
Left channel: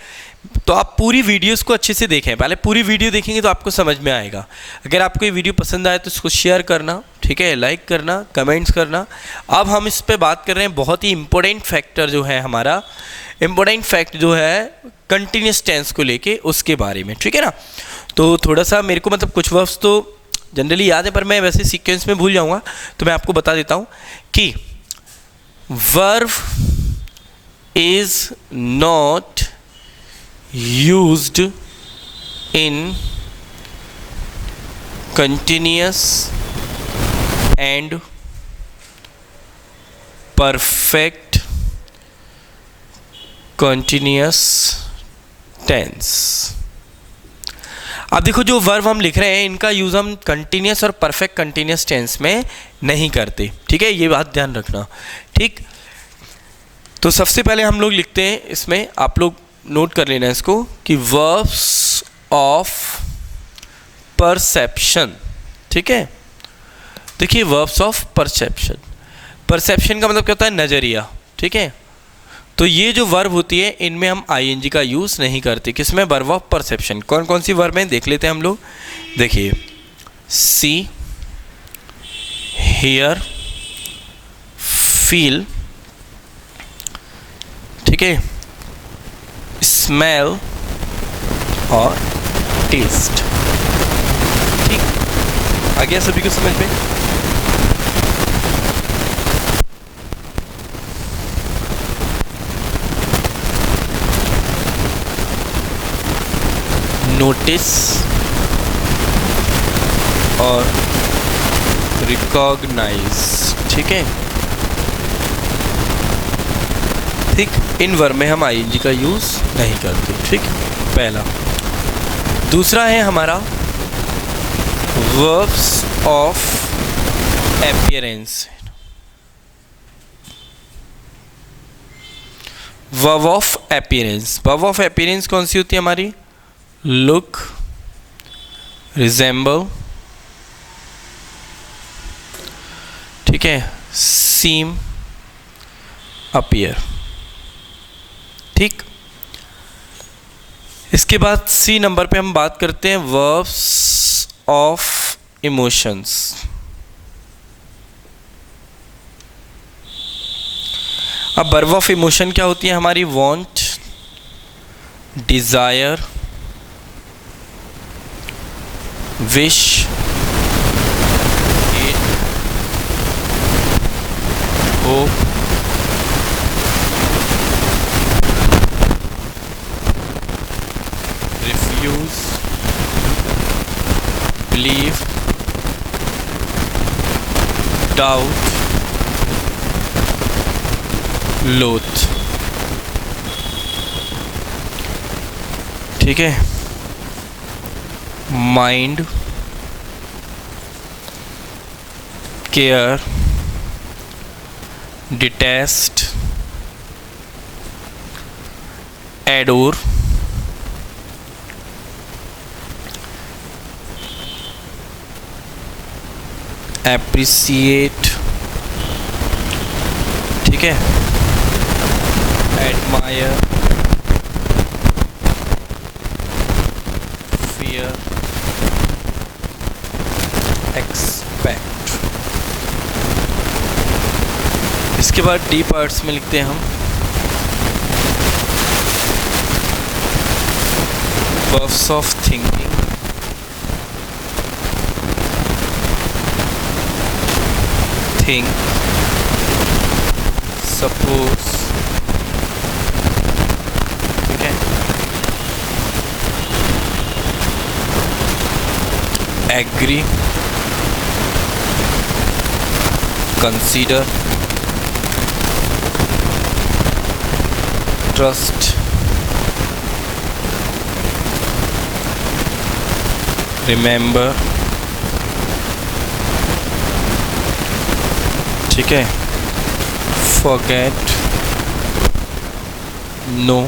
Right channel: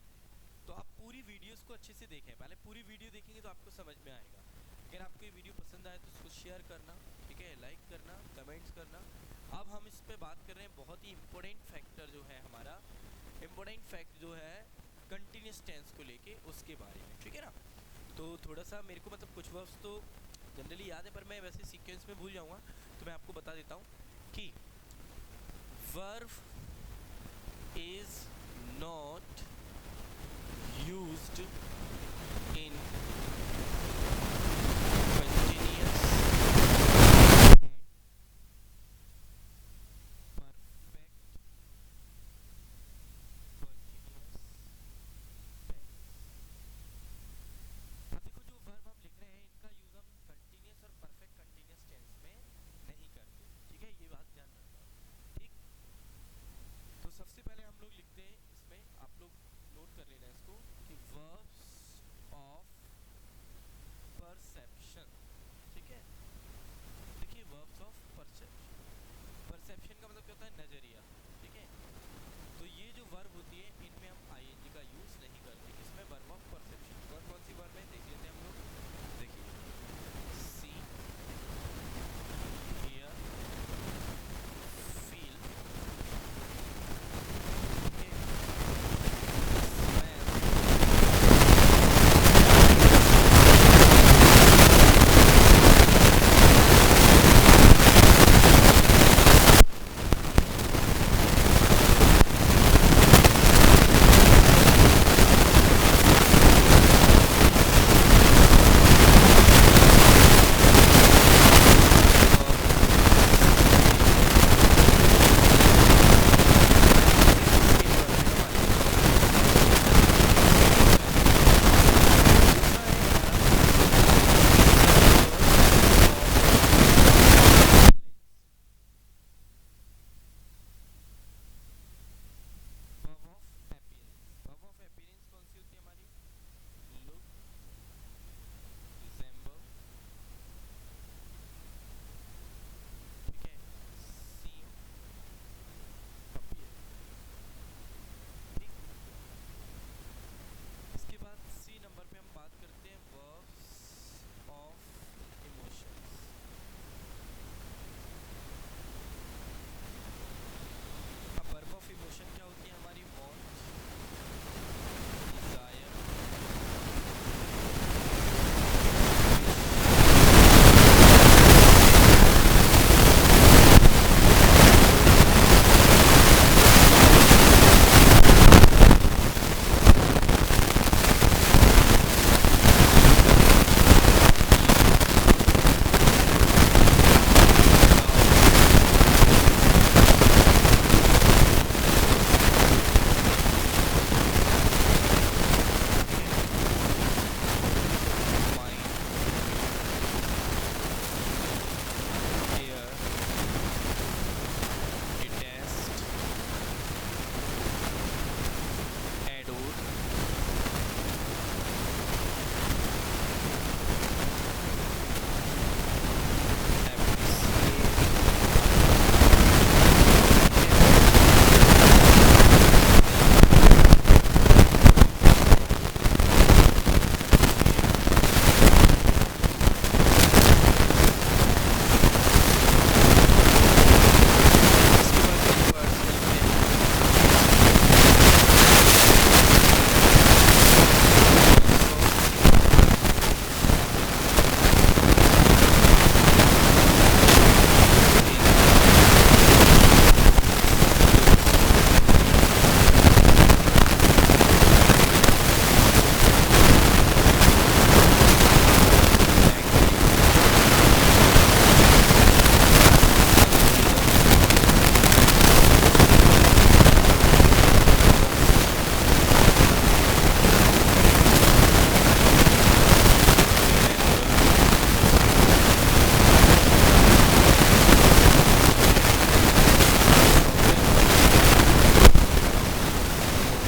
तो आप पूरी वीडियोस को अच्छे से देखें। पहले पूरी वीडियो देखेंगे तो आपको समझ में आएगा। अगर आपको ये वीडियो पसंद आए तो इसको शेयर करना, ठीक है, लाइक करना, कमेंट्स करना। अब हम इस पे बात कर रहे हैं बहुत ही इंपॉर्टेंट फैक्टर जो है हमारा, इंपॉर्टेंट फैक्ट जो है कंटिन्यूस टेंस को लेके, उसके बारे में, ठीक है ना। तो थोड़ा सा मेरे को मतलब कुछ वर्ब्स तो जनरली याद है, पर मैं वैसे सीक्वेंस में भूल जाऊँगा, तो मैं आपको बता देता हूँ कि verb is not used in continuous and perfect continuous tense। अब देखो, जो वर्ब हम लिख रहे हैं इनका यूज़ हम कंटिन्यूस और परफेक्ट कंटिन्यूस टेंस में नहीं करते, ठीक है, ये बात ध्यान रखना, ठीक। तो सबसे पहले हम लोग लिखते हैं इसमें, आप लोग नोट कर लेना इसको, कि वर्ब्स ऑफ परसेप्शन, ठीक है। देखिए, वर्ब्स ऑफ परसेप्शन, परसेप्शन का मतलब क्या होता है? नज़रिया, ठीक है। तो ये जो वर्ब होती है इनमें हम आईएनजी का यूज़ नहीं करते। किसमें? Verb of perception. कौन कौन सी वर्ब हैं देख लेते हैं हम लोग। देखिए, सी, हियर, फील, ठीक है, स्मेल और टेस्ट। आ गया सभी को समझ में? नोटिस और रिकॉग्नाइज, ठीक है। ठीक, इन वर्ब में हम आईएनजी का यूज़ नहीं करते, ठीक, पहला। दूसरा है हमारा verbs of appearance. Verb of appearance, verb of appearance कौन सी होती है हमारी? लुक, रिजेंबल, ठीक है, सीम, अपीयर, ठीक। इसके बाद सी नंबर पे हम बात करते हैं वर्ब्स ऑफ इमोशंस। अब वर्ब ऑफ इमोशन क्या होती है हमारी? वांट, डिजायर, विश, लोथ, ठीक है, mind, care, detest, adore, appreciate, ठीक है, एडमायर, फियर, एक्सपेक्ट। इसके बाद डी पार्ट्स में लिखते हैं हम verbs of thinking, think, suppose, agree, consider, remember, ठीक है, forget, know,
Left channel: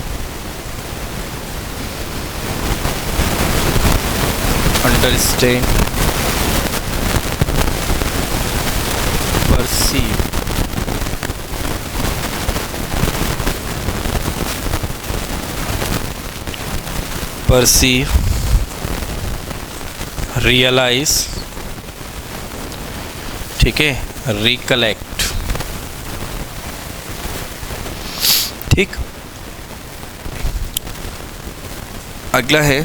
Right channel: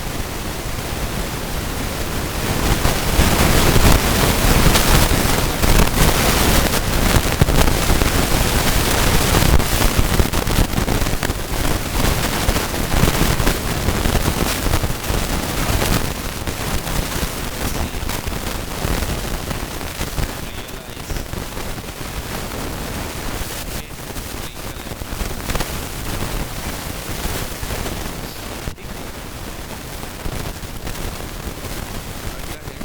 understand, perceive, realize, ठीक है, recollect, ठीक। अगला है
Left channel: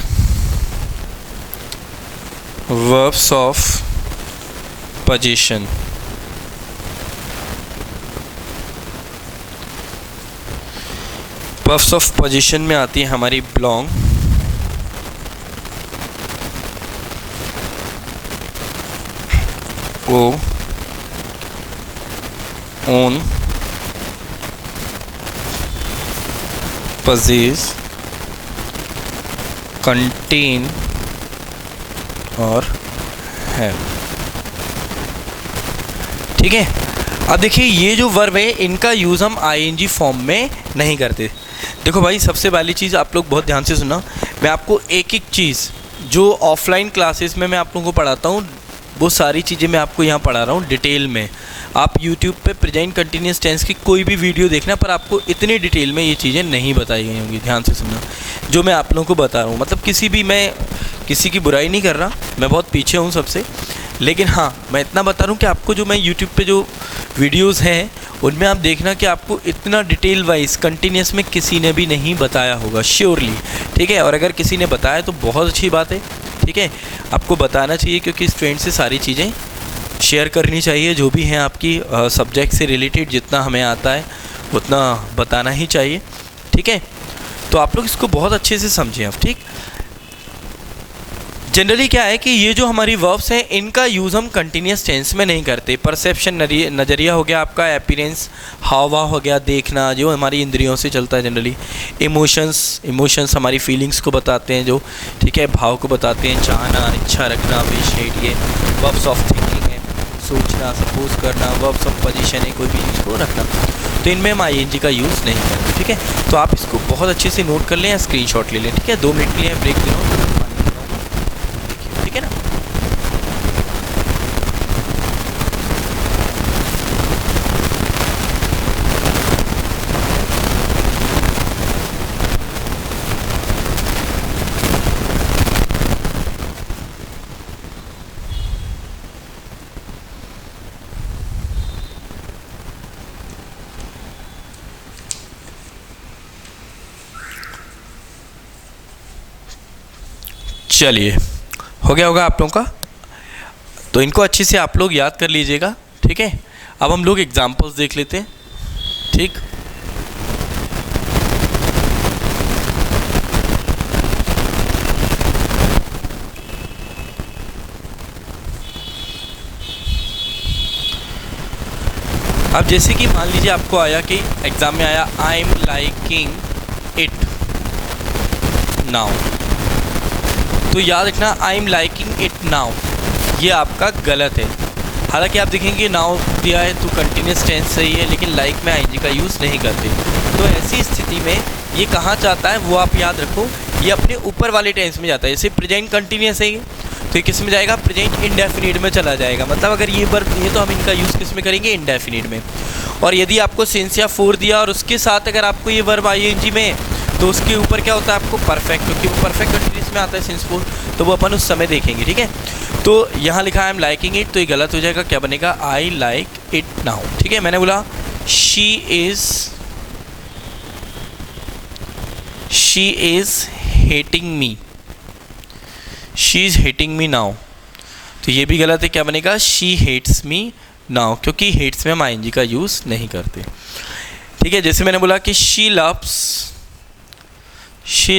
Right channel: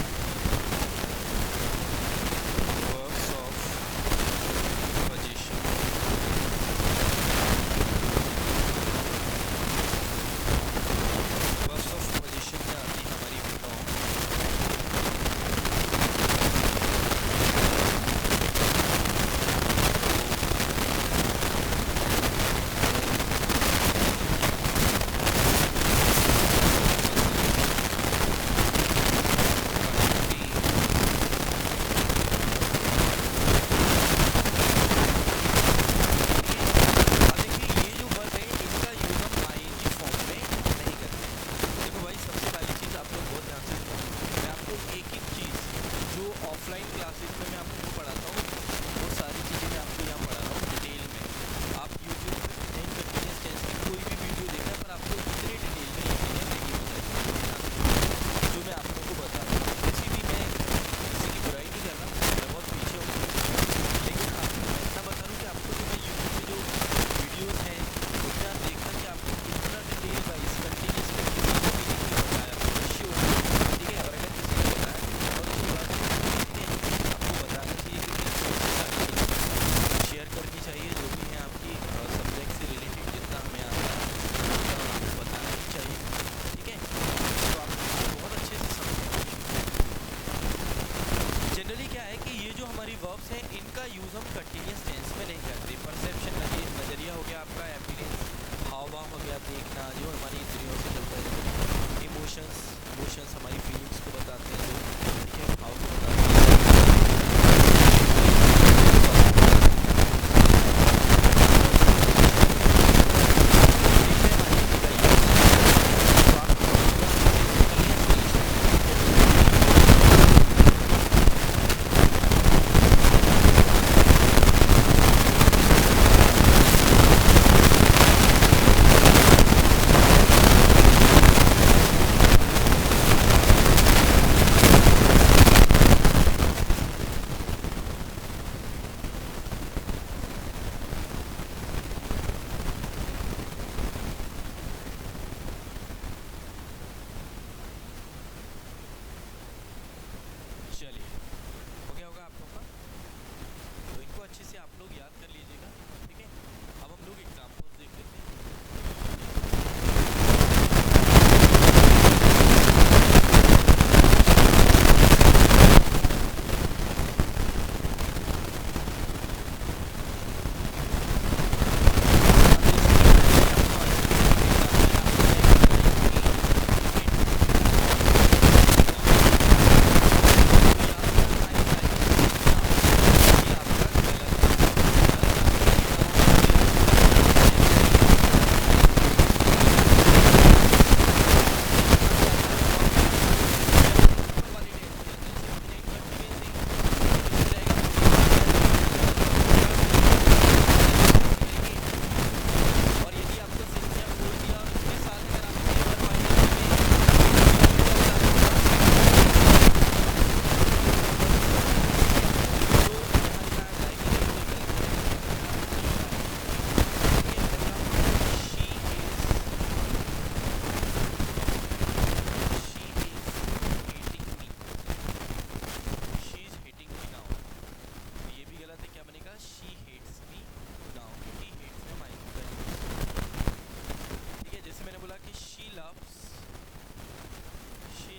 verbs of possession। verbs of possession में आती है हमारी belong, go, own, possess, contain और have, ठीक है। अब देखिए ये जो वर्ब है इनका यूज़ हम आईएनजी फॉर्म में नहीं करते। देखो भाई सबसे पहली चीज़ आप लोग बहुत ध्यान से सुना, मैं आपको एक एक चीज़ जो ऑफलाइन क्लासेस में मैं आप लोगों को पढ़ाता हूँ वो सारी चीज़ें मैं आपको यहाँ पढ़ा रहा हूँ डिटेल में। आप YouTube पे प्रेजेंट कंटिन्यूस टेंस की कोई भी वीडियो देखना, पर आपको इतनी डिटेल में ये चीज़ें नहीं बताई गई होंगी। ध्यान से सुनिए जो मैं आप लोगों को बता रहा हूँ, मतलब मैं किसी की बुराई नहीं कर रहा, मैं बहुत पीछे हूँ सबसे, लेकिन हाँ मैं इतना बता रहा हूँ कि आपको जो मैं YouTube पे जो वीडियोज़ हैं उनमें आप देखना कि आपको इतना डिटेल वाइज कंटिन्यूस में किसी ने भी नहीं बताया होगा श्योरली, ठीक है। और अगर किसी ने बताया तो बहुत अच्छी बात है, ठीक है, आपको बताना चाहिए क्योंकि स्टूडेंट से सारी चीज़ें शेयर करनी चाहिए, जो भी हैं आपकी सब्जेक्ट से रिलेटेड जितना हमें आता है उतना बताना ही चाहिए, ठीक है। तो आप लोग इसको बहुत अच्छे से समझें आप, ठीक। जनरली क्या है कि ये जो हमारी वर्ब्स हैं इनका यूज़ हम कंटिन्यूस टेंस में नहीं करते। परसेप्शन नज़रिया हो गया आपका, अपीयरेंस हाव भाव हो गया, देखना जो हमारी इंद्रियों से चलता है जनरली, इमोशंस हमारी फीलिंग्स को बताते हैं जो, ठीक है, भाव को बताते हैं, चाहना, इच्छा रखना, वर्ब्स ऑफ सोचना, सपोज करना, वर्ब्स ऑफ पोजीशन को रखना, तो इनमें हम आईएनजी का यूज़ नहीं करते, ठीक है। तो आप इसको बहुत अच्छे से नोट कर लें या स्क्रीनशॉट ले लें, ठीक है। 2 मिनट लिए ब्रेक, ठीक है ना। चलिए हो गया होगा आप लोगों का, तो इनको अच्छे से आप लोग याद कर लीजिएगा, ठीक है। अब हम लोग एग्जांपल्स देख लेते हैं, ठीक। अब जैसे कि मान लीजिए आपको आया कि एग्जाम में आया I am liking it now, तो याद रखना I am liking it now ये आपका गलत है। हालांकि आप देखेंगे नाउ दिया है तो कंटिन्यूस टेंस सही है, लेकिन लाइक में आईएनजी का यूज़ नहीं करते। तो ऐसी स्थिति में ये कहाँ जाता है वो आप याद रखो, ये अपने ऊपर वाले टेंस में जाता है। जैसे प्रेजेंट कंटिन्यूस है तो किस में जाएगा, प्रेजेंट इंडेफिनिट में चला जाएगा। मतलब अगर ये वर्ब है तो हम इनका यूज़ किस में करेंगे, इंडेफिनिट में। और यदि आपको सिंस या फोर दिया और उसके साथ अगर आपको ये वर्ब आईएनजी में, तो उसके ऊपर क्या होता है आपको परफेक्ट, क्योंकि परफेक्ट इसमें आता है सिंस फोर, तो वो अपन उस समय देखेंगे, ठीक है। तो यहाँ लिखा है आई एम लाइकिंग इट, तो ये गलत हो जाएगा, क्या बनेगा आई लाइक इट नाउ, ठीक है। मैंने बोला she is hating me, she is hating me now, तो ये भी गलत है, क्या बनेगा शी हेट्स मी नाउ, क्योंकि हेट्स में हम आईएनजी का यूज़ नहीं करते, ठीक है। जैसे मैंने बोला कि she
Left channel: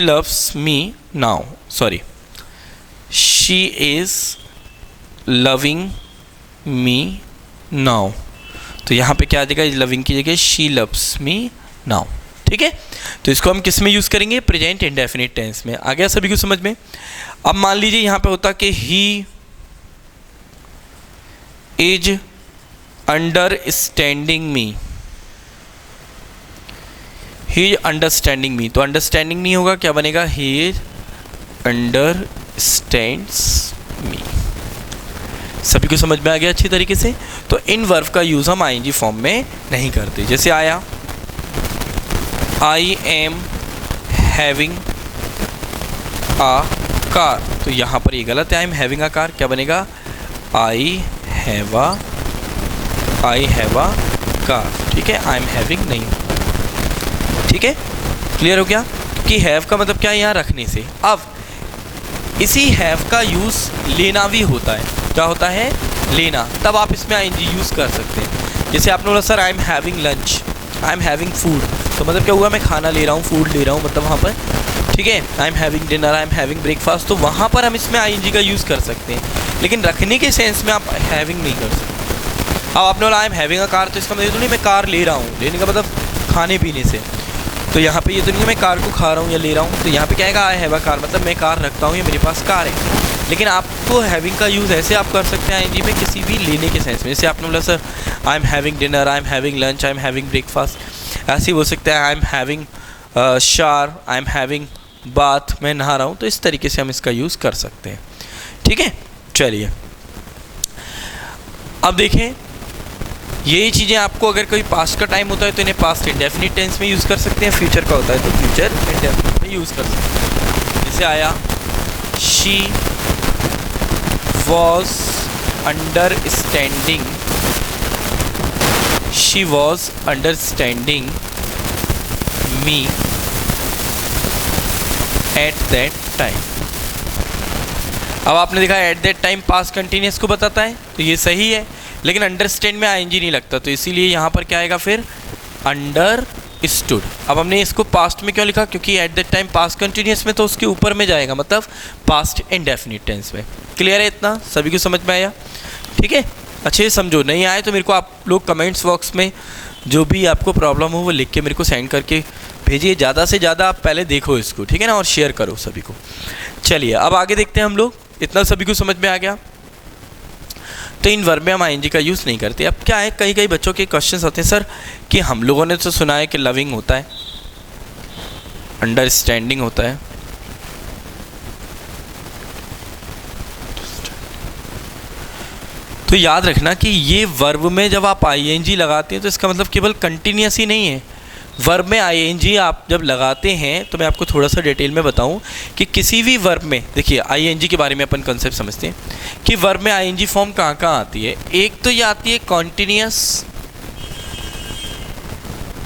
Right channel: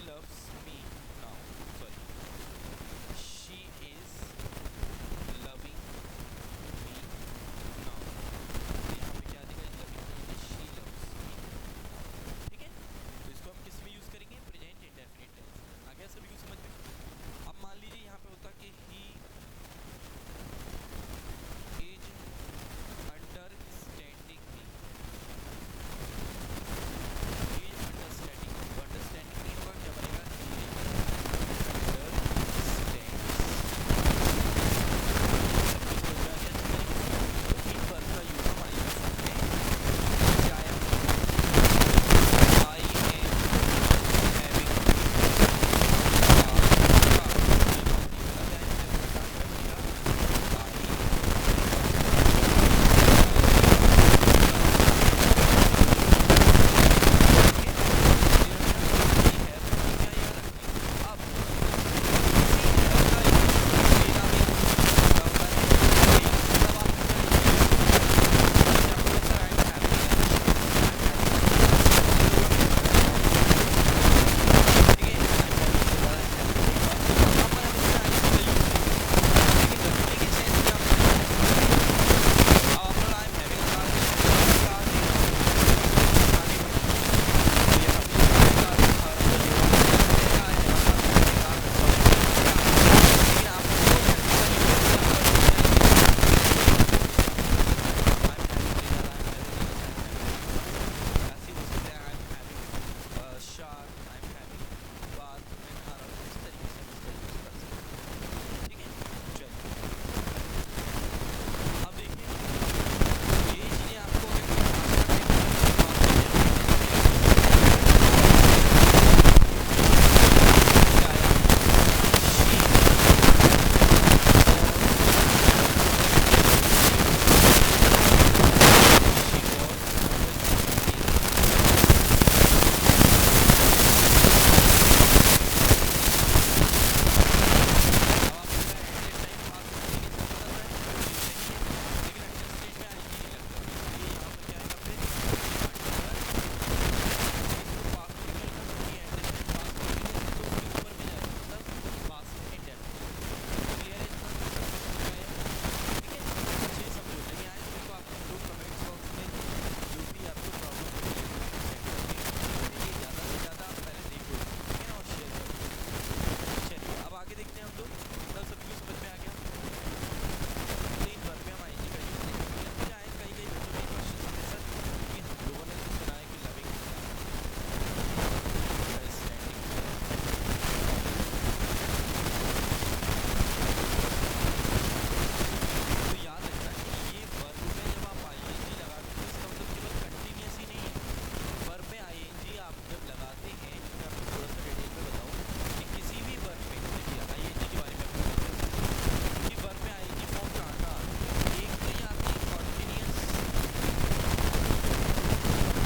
loves me now, sorry she is loving me now, तो यहाँ पे क्या आ जाएगा, लविंग की जगह शी लव्स मी नाउ, ठीक है। तो इसको हम किस में यूज़ करेंगे, प्रेजेंट इंडेफिनिट टेंस में। आ गया सभी को समझ में। अब मान लीजिए यहाँ पे होता कि he is understanding me, he is understanding me, तो अंडरस्टैंडिंग नहीं होगा, क्या बनेगा, ही इज अंडरस्टैंड्स मी। सभी को समझ में आ गया अच्छी तरीके से। तो इन वर्ब का यूज़ हम आईएनजी फॉर्म में नहीं करते। जैसे आया I am having a car, तो यहाँ पर ये गलत है, I am having a car, क्या बनेगा, आई हैव अ कार, ठीक है, आई एम हैविंग नहीं, ठीक है, क्लियर हो गया कि हैव का मतलब क्या है, यहाँ रखने से। अब इसी हैव का यूज़ लेना भी होता है, क्या होता है, लेना, तब आप इसमें आईएनजी यूज़ कर सकते हैं। जैसे आपने बोला sir I am having lunch, I am having food, तो मतलब क्या हुआ, मैं खाना ले रहा हूँ, फूड ले रहा हूँ, मतलब वहाँ पर, ठीक है, I am having dinner, I am having breakfast, तो वहाँ पर हम इसमें आईएनजी का यूज़ कर सकते हैं, लेकिन रखने के सेंस में आप हैविंग नहीं करें। अब आपने बोला आई एम हैविंग अ कार, तो इसका मतलब नहीं मैं कार ले रहा हूँ, लेने का मतलब खाने पीने से, तो यहाँ पे ये तो नहीं मैं कार को खा रहा हूँ या ले रहा हूँ, तो यहाँ पे क्या है, आई हैव अ कार, मतलब मैं कार रखता हूँ, ये मेरे पास कार है। लेकिन आपको हैविंग का यूज़ ऐसे आप कर सकते हैं आईएनजी में किसी भी लेने के सेंस में। जैसे आपने बोला sir I am having dinner, I am having lunch, I am having breakfast, ऐसे ही हो सकता है I am having shower, I am having bath, मैं नहा रहा हूँ, तो इस तरीके से हम इसका यूज़ कर सकते हैं, ठीक है। चलिए अब देखें, यही चीज़ें आपको अगर कोई पास्ट का टाइम होता है तो इन्हें पास्ट के डेफिनिट टेंस में यूज़ कर सकते हैं, फ्यूचर का होता है तो फ्यूचर में यूज़ कर सकते हैं। जैसे आया she was understanding, she was understanding me at that time. अब आपने देखा eight that time past continuous को बताता है, तो ये सही है, लेकिन अंडरस्टैंड में आईएनजी नहीं लगता, तो इसीलिए यहाँ पर क्या आएगा फिर, अंडरस्टूड। अब हमने इसको पास्ट में क्यों लिखा, क्योंकि eight that time past continuous में, तो उसके ऊपर में जाएगा, मतलब पास्ट इंडेफिनिट टेंस में। क्लियर है इतना, सभी को समझ में आया, ठीक है। अच्छे से समझो, नहीं आए तो मेरे को आप लोग कमेंट्स बॉक्स में जो भी आपको प्रॉब्लम हो वो लिख के मेरे को सेंड करके भेजिए, ज़्यादा से ज़्यादा आप पहले देखो इसको, ठीक है ना, और शेयर करो सभी को। चलिए अब आगे देखते हैं हम लोग, इतना सभी को समझ में आ गया। तो इन वर्ब में हम आईएनजी का यूज़ नहीं करते। अब क्या है, कई कई बच्चों के क्वेश्चंस होते हैं, सर कि हम लोगों ने तो सुना है कि लविंग होता है, अंडरस्टैंडिंग होता है, तो याद रखना कि ये वर्ब में जब आप आईएनजी लगाते हैं तो इसका मतलब केवल कंटिन्यूस ही नहीं है। वर्ब में आईएनजी आप जब लगाते हैं, तो मैं आपको थोड़ा सा डिटेल में बताऊं कि किसी भी वर्ब में, देखिए आईएनजी के बारे में अपन कंसेप्ट समझते हैं कि वर्ब में आईएनजी फॉर्म कहाँ कहाँ आती है। एक तो ये आती है कॉन्टिन्यूस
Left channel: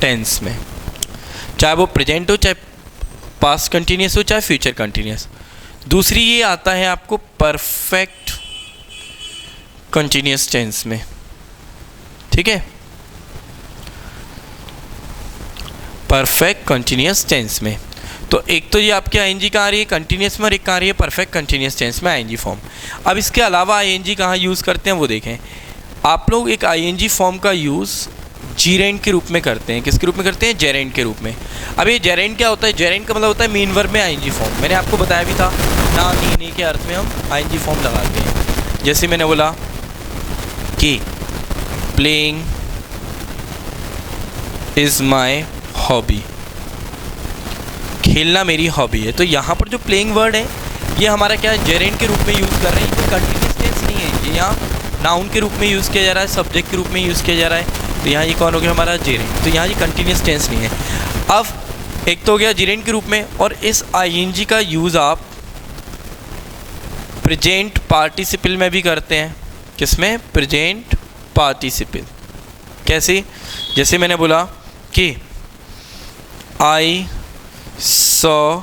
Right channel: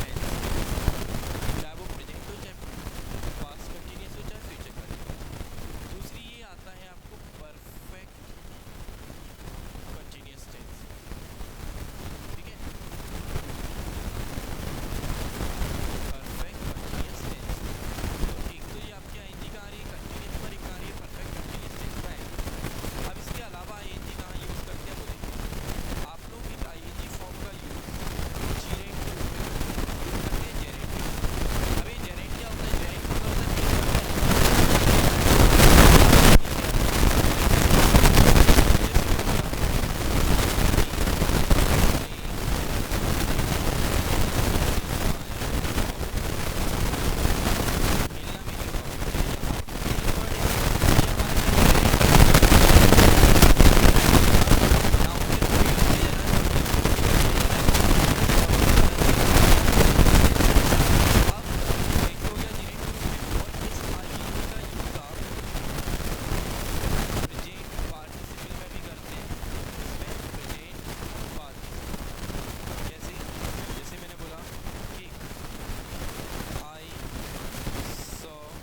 टेंस में, चाहे वो प्रेजेंट हो, चाहे पास्ट कंटिन्यूस हो, चाहे फ्यूचर कंटिन्यूस। दूसरी ये आता है आपको परफेक्ट कंटिन्यूस टेंस में, ठीक है, परफेक्ट कंटिन्यूस टेंस में। तो एक तो ये आपकी आईएनजी कहाँ आ रही है, कंटिन्यूस में, और एक कहाँ आ रही है परफेक्ट कंटिन्यूस टेंस में आईएनजी फॉर्म। अब इसके अलावा आईएनजी कहाँ यूज़ करते हैं वो देखें। आप लोग एक आईएनजी फॉर्म का यूज़ जीरेंड के रूप में करते हैं। किसके रूप में करते हैं, जेरेंड के रूप में। अब ये जेरेंड क्या होता है, जेरेंड का मतलब होता है मेन वर्ब में आईएनजी फॉर्म। मैंने आपको बताया भी था ना, मीनिंग के अर्थ में हम आईएनजी फॉर्म लगाते हैं। जैसे मैंने बोला कि प्लेइंग इज़ माई हॉबी, खेलना मेरी हॉबी है, तो यहाँ पर जो प्लेइंग वर्ड है ये हमारा क्या है, जेरेंड के रूप में यूज़ कर रहे हैं। यहाँ नाउन के रूप में यूज़ किया जा रहा है, सब्जेक्ट के रूप में यूज़ किया जा रहा है, तो यहाँ ये कौन हो गया हमारा, जेरेंड। तो यहाँ ये कंटिन्यूस टेंस नहीं है। अब एक तो हो गया जेरेंड के रूप में, और इस आईएनजी का यूज़ आप प्रेजेंट पार्टिसिपल में भी करते हैं। किसमें, प्रेजेंट पार्टिसिपल। कैसे, जैसे मैंने बोला कि I saw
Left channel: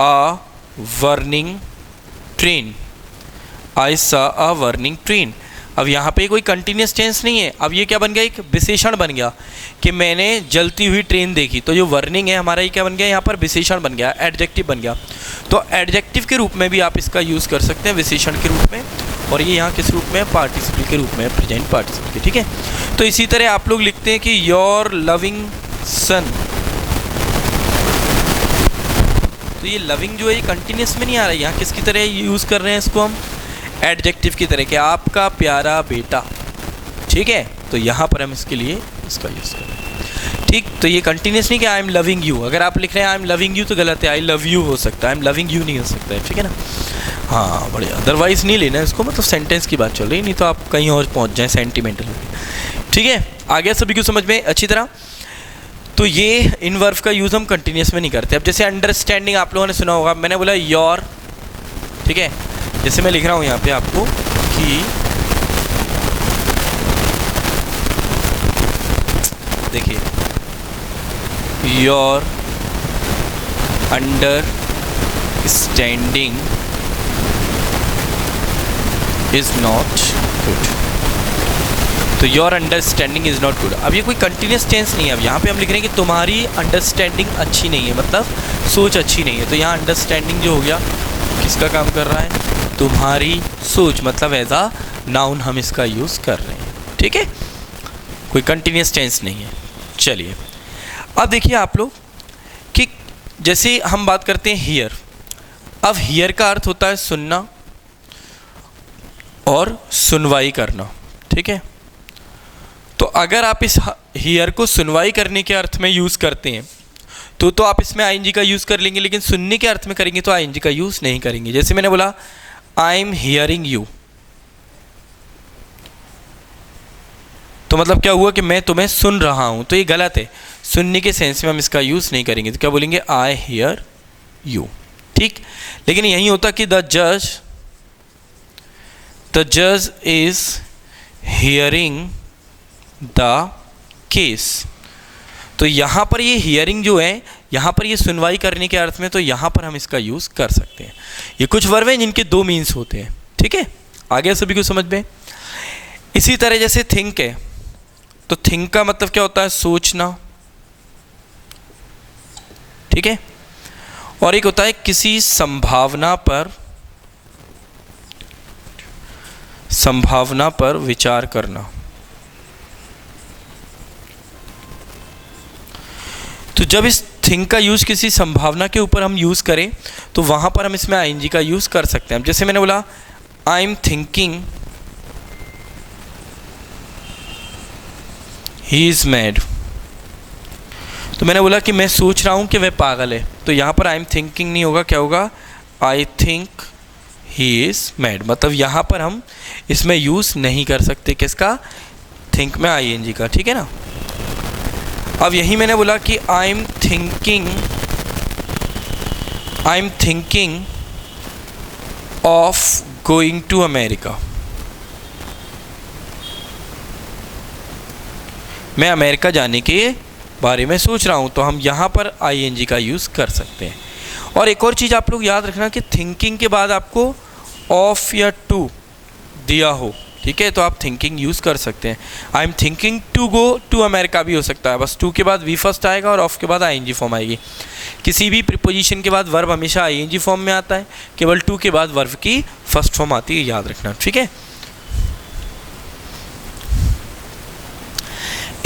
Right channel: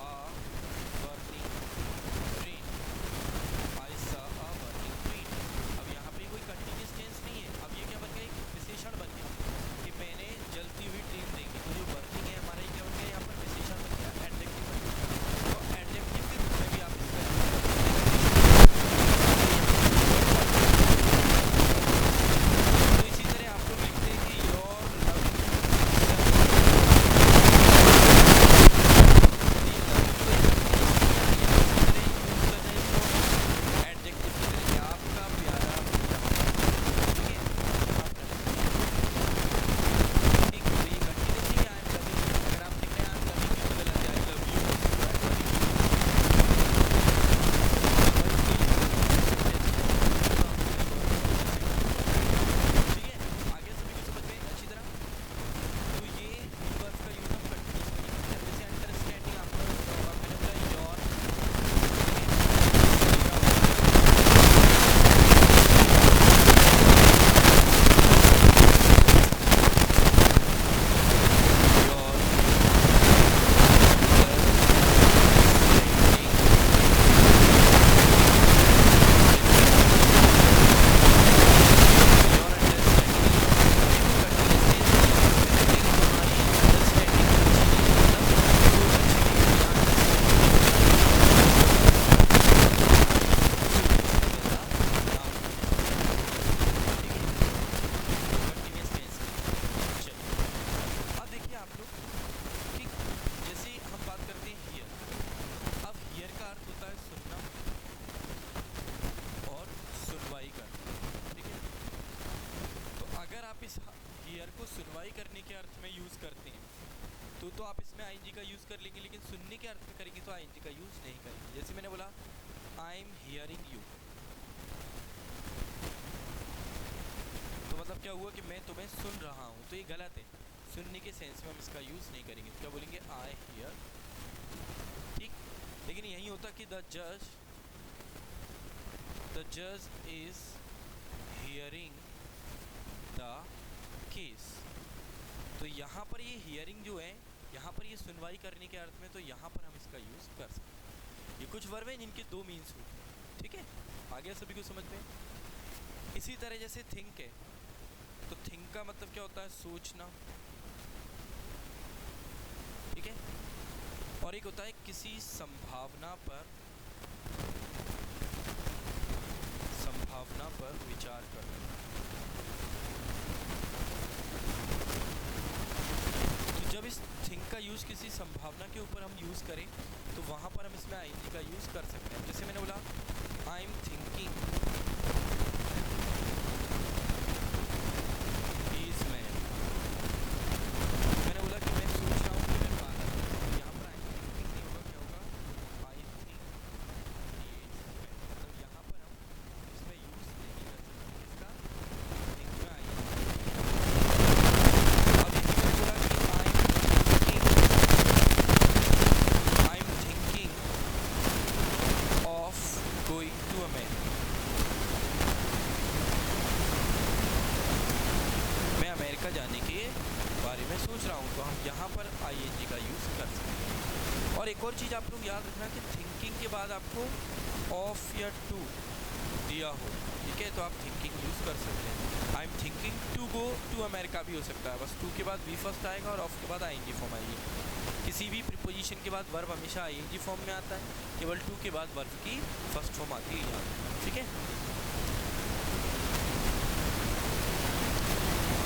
a burning train, I saw a burning train. अब यहाँ पे कोई कंटिन्यूस टेंस नहीं है, अब ये क्या बन गया, एक विशेषण बन गया कि मैंने जलती हुई ट्रेन देखी। तो जो वर्निंग है हमारा, ये क्या बन गया, यहाँ पर विशेषण बन गया, एडजेक्टिव बन गया। तो एडजेक्टिव के रूप में भी आप इसका यूज़ कर सकते हैं, विशेषण के रूप में, और ये यहाँ किस रूप में, पार्टिसिपल के रूप में, प्रेजेंट पार्टिसिपल, ठीक है। तो इसी तरह आप लोग लिखते हैं कि योर लविंग सन, तो ये लविंग जो है ये कंटिन्यूस में नहीं आ रहा है, यहाँ किसकी तरह यूज़ कर रहे हैं इसको हम, एडजेक्टिव की तरह कि आपका प्यारा बेटा, ठीक है। तो यहाँ पर हम इसके लिए इसका यूज़ करें, ठीक। तो ये कंटिन्यूस नहीं कि आई एम लविंग यू, अगर आप लिख रहे हैं आई एम लविंग यू तो गलत है, आई लव यू हो सकता है, आई एम लविंग यू नहीं हो सकता है, ठीक है ना। हाँ बढ़िया, अदरवाइज़ नहीं लेना इसको, मतलब सेंटेंस की बात चल रही, नहीं तो आप कहीं और पहुँच जाएँ सेंटिमेंटल, ठीक है। आगे सभी को समझ में अच्छी तरह। तो ये इन वर्ब का यूज़ हम कंटिन्यूस में नहीं करते। अब जैसे अंडरस्टैंडिंग आप लोगों ने सुना होगा, मैंने बोला योर, ठीक है। जैसे मैं लिख रहा हूँ यहाँ पे आपको कि देखिए योर अंडरस्टैंडिंग इज नॉट, तो your understanding is not good. अब ये कोई कंटिन्यूस टेंस नहीं है, अब यहाँ पे हम लिख रहे हैं कि तुम्हारी अंडरस्टैंडिंग अच्छी नहीं है, मतलब सोच अच्छी नहीं है। तो यहाँ अंडरस्टैंडिंग जो हो गया किसका काम कर रहा है, तुम्हारी सोच, मतलब एज अ नाउन हम इसका यूज़ कर रहे हैं, ठीक है। कोई कंटिन्यूस टेंस नहीं है। चलिए अब देखिए आप लोग कि जैसे हम बात करते हैं हियर, अब हियर का अर्थ होता है सुनना और सुनवाई करना, ठीक है। तो अगर आप इस हियर को सुनवाई करने के अर्थ में यूज़ करते हैं तो आप इसमें आईएनजी का यूज़ कर लेंगे, लेकिन सुनने के अर्थ में करेंगे तो आईएनजी का यूज़ नहीं करेंगे। जैसे मैंने बोला आई एम हियरिंग यू, तो मतलब क्या हुआ कि मैं तुम्हें सुन रहा हूँ, तो ये गलत है, सुनने के सेंस में हम इसका यूज़ नहीं करेंगे। तो क्या बोलेंगे आई हियर यू, ठीक। लेकिन यही होता कि द जज इज हियरिंग द केस, तो यहाँ पर ये हियरिंग जो है, यहाँ पर ये सुनवाई करने के अर्थ में, तो यहाँ पर हम इसका यूज़ कर सकते हैं। ये कुछ वर्ब हैं जिनके दो मीन्स होते हैं, ठीक है। आगे सभी को समझ में। इसी तरह जैसे थिंक है, तो थिंक का मतलब क्या होता है, सोचना, ठीक है। और एक होता है किसी संभावना पर विचार करना। तो जब इस थिंक का यूज़ किसी संभावना के ऊपर हम यूज़ करें तो वहाँ पर हम इसमें आईएनजी का यूज़ कर सकते हैं। जैसे मैंने बोला आई am thinking he is mad, तो मैंने बोला कि मैं सोच रहा हूँ कि वह पागल है, तो यहाँ पर आई एम थिंकिंग नहीं होगा, क्या होगा I think he is mad, मतलब यहाँ पर हम इसमें यूज़ नहीं कर सकते किसका, थिंक में आईएनजी का, ठीक है ना। अब यही मैंने बोला कि I am thinking of going to America, मैं अमेरिका जाने के बारे में सोच रहा हूँ, तो हम यहाँ पर आईएनजी का यूज़ कर सकते हैं। और एक और चीज़ आप लोग याद रखना कि थिंकिंग के बाद आपको ऑफ या टू दिया हो, ठीक है, तो आप थिंकिंग यूज़ कर सकते हैं। I am thinking to go to America भी हो सकता है, बस टू के बाद वी फर्स्ट आएगा और ऑफ के बाद आईएनजी फॉर्म आएगी। किसी भी प्रीपोजिशन के बाद वर्ब हमेशा आईएनजी फॉर्म में आता है, केवल टू के बाद वर्ब की फर्स्ट फॉर्म आती है, याद रखना, ठीक है।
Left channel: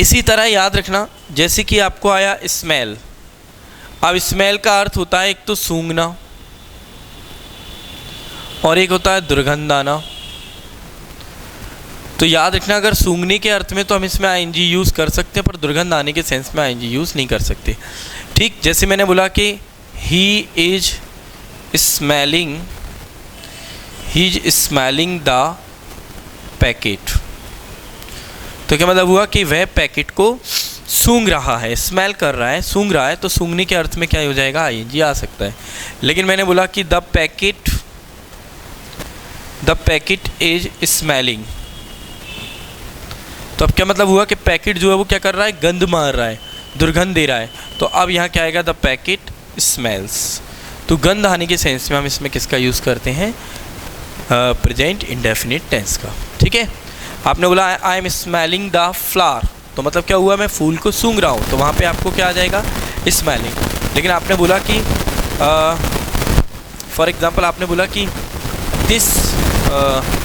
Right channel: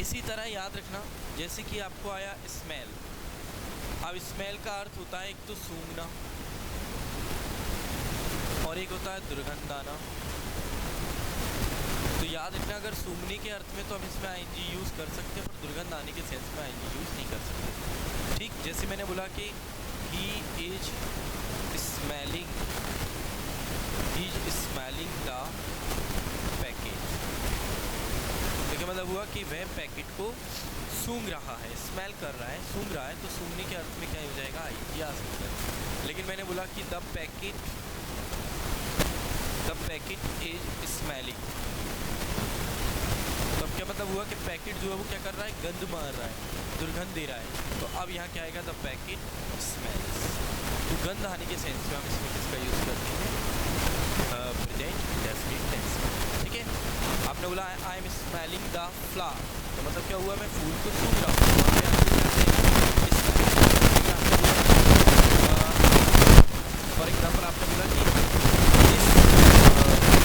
इसी तरह याद रखना जैसे कि आपको आया स्मेल, अब स्मेल का अर्थ होता है एक तो सूंघना और एक होता है दुर्गंध आना। तो याद रखना अगर सूंघने के अर्थ में तो हम इसमें आईएनजी यूज़ कर सकते हैं, पर दुर्गंध आने के सेंस में आईएनजी यूज़ नहीं कर सकते, ठीक। जैसे मैंने बोला कि he is smelling the packet, तो क्या मतलब हुआ कि वह पैकेट को सूंघ रहा है, स्मेल कर रहा है, सूंघ रहा है, तो सूंघने के अर्थ में क्या हो जाएगा, आईएनजी आ सकता है। लेकिन मैंने बोला कि द पैकेट इज स्मेलिंग, तो अब क्या मतलब हुआ कि पैकेट जो है वो क्या कर रहा है, गंद मार रहा है, दुर्गंध दे रहा है, तो अब यहाँ क्या आएगा, द पैकेट स्मेल्स, तो गंध आने के सेंस में हम इसमें किसका यूज़ करते हैं, प्रेजेंट इंडेफिनिट टेंस का, ठीक है। आपने बोला I am smelling the flower, तो मतलब क्या हुआ, मैं फूल को सूंघ रहा हूँ, तो वहाँ पे आपको क्या आ जाएगा, स्मेलिंग। लेकिन आपने बोला कि फॉर एग्जांपल आपने बोला कि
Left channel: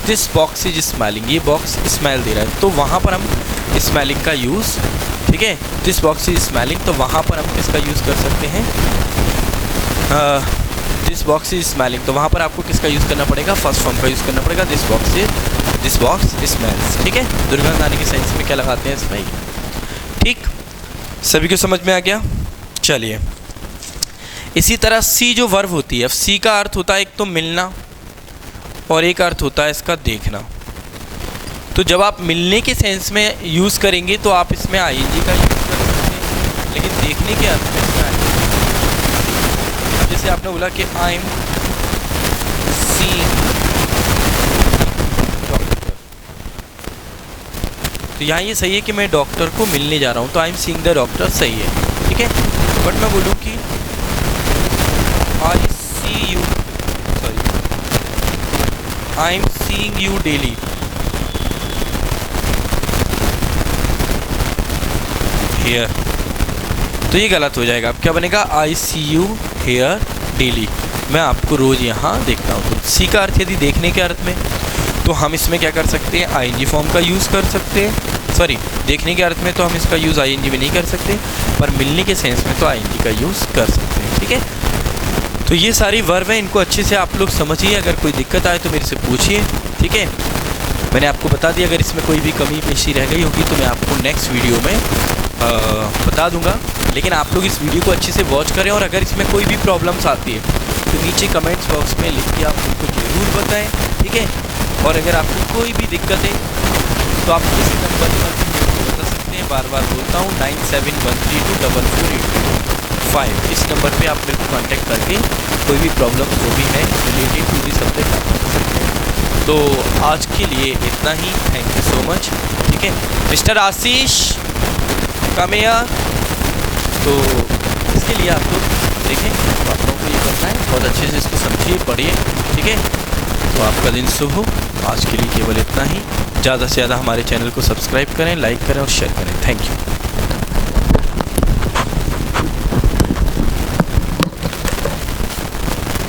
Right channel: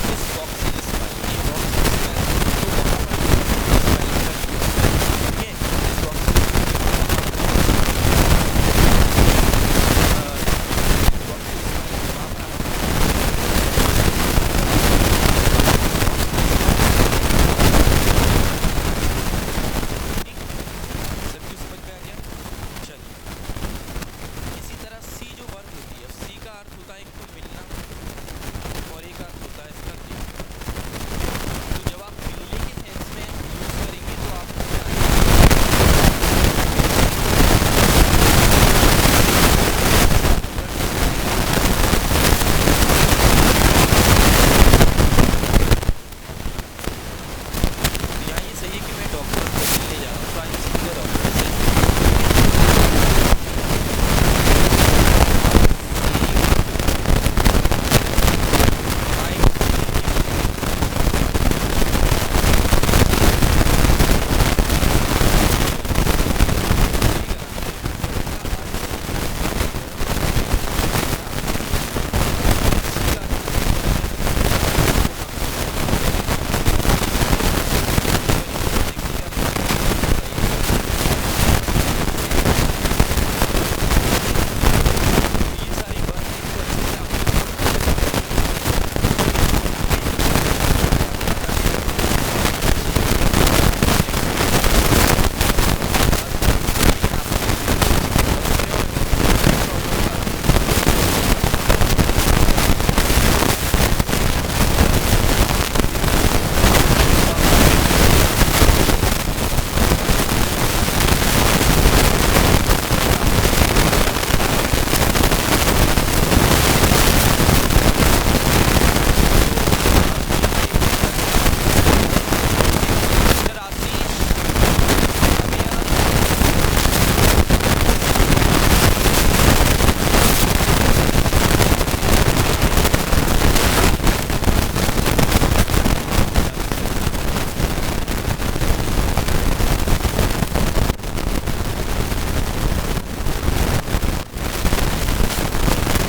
दिस बॉक्स इज स्मेलिंग, ये बॉक्स स्मेल दे रहा है, तो वहाँ पर हम स्मेलिंग का यूज़, ठीक है, दिस बॉक्स इज स्मेलिंग, तो वहाँ पर हम इसका यूज़ कर सकते हैं बॉक्स इज स्मेलिंग, तो वहाँ पर आपको किसका यूज़ करना पड़ेगा, फर्स्ट फॉर्म का यूज़ करना पड़ेगा, दिस बॉक्स स्मेल्स। ठीक है, दुर्गंध की सेंस में क्या लगाते हैं इसमें। ठीक, सभी को समझ में आ गया। चलिए, इसी तरह सी जो वर्ब होती है, सी का अर्थ होता है एक तो मिलना और एक अर्थ होता है इसका देखना। तो जब आप मिलने के सेंस में यूज़ करेंगे तो आप इसमें आइए देखने के अर्थ, जैसे आपने बोला कि आई एम, तो यहाँ ये सही है कि मैं डॉक्टर को मिलने जा रहा हूँ, तो I am seeing the doctor, सही है। ठीक है, बट मैं बोलूँ कि I am seeing you daily, here, तो ये गलत हो जाएगा। अब क्या बनेगा, I see you here daily, मैं आपको रोज़ यहाँ देखता हूँ। सी का अर्थ यदि देखने के अर्थ में, तो हम इसमें क्या कर सकते हैं, आईएनजी फॉर्म का यूज़ कर सकते हैं। सॉरी, देखने के अर्थ में तो हम इसका यूज़ आईएनजी में नहीं कर सकते, पर मिलने के सेंस में तो आईएनजी का यूज़ कर सकते हैं। ठीक है, तो ये सारी वर्ब हैं, इनको अच्छे से आप लोग समझिए। अगर कोई दिक्कत आए तो मेरे से पूछिए। ठीक है, मैंने आपको बता दिया, अगर इसमें कोई भी कमी पेशी रह गई होगी तो मैं आपको नेक्स्ट वीडियो में बता दूंगा। लेकिन आप लोग इस वीडियो को अच्छे से वॉच करें, और अगर इसमें कोई भी प्रॉब्लम्स आती है तो नीचे कमेंट बॉक्स में लिख के आप बताएं। ठीक है, और अगर आपको कोई भी दिक्कत है तो आप बार बार बोलता हूँ 9713 इस नंबर पर आप कॉन्टेक्ट करके कोई भी प्रॉब्लम होगी है। तो आज के लिए इतना ही, थैंक यू सो मच। ठीक है, मिस्टर आशीष कमिया, तो इसके लिए आप बहुत अच्छे से समझिए, पढ़िए। ठीक है, तो आपका दिन शुभ हो। आज के लिए केवल इतना ही, ज़्यादा से ज़्यादा हमारे चैनल को सब्सक्राइब करें, लाइक करें और शेयर करें। Thank you.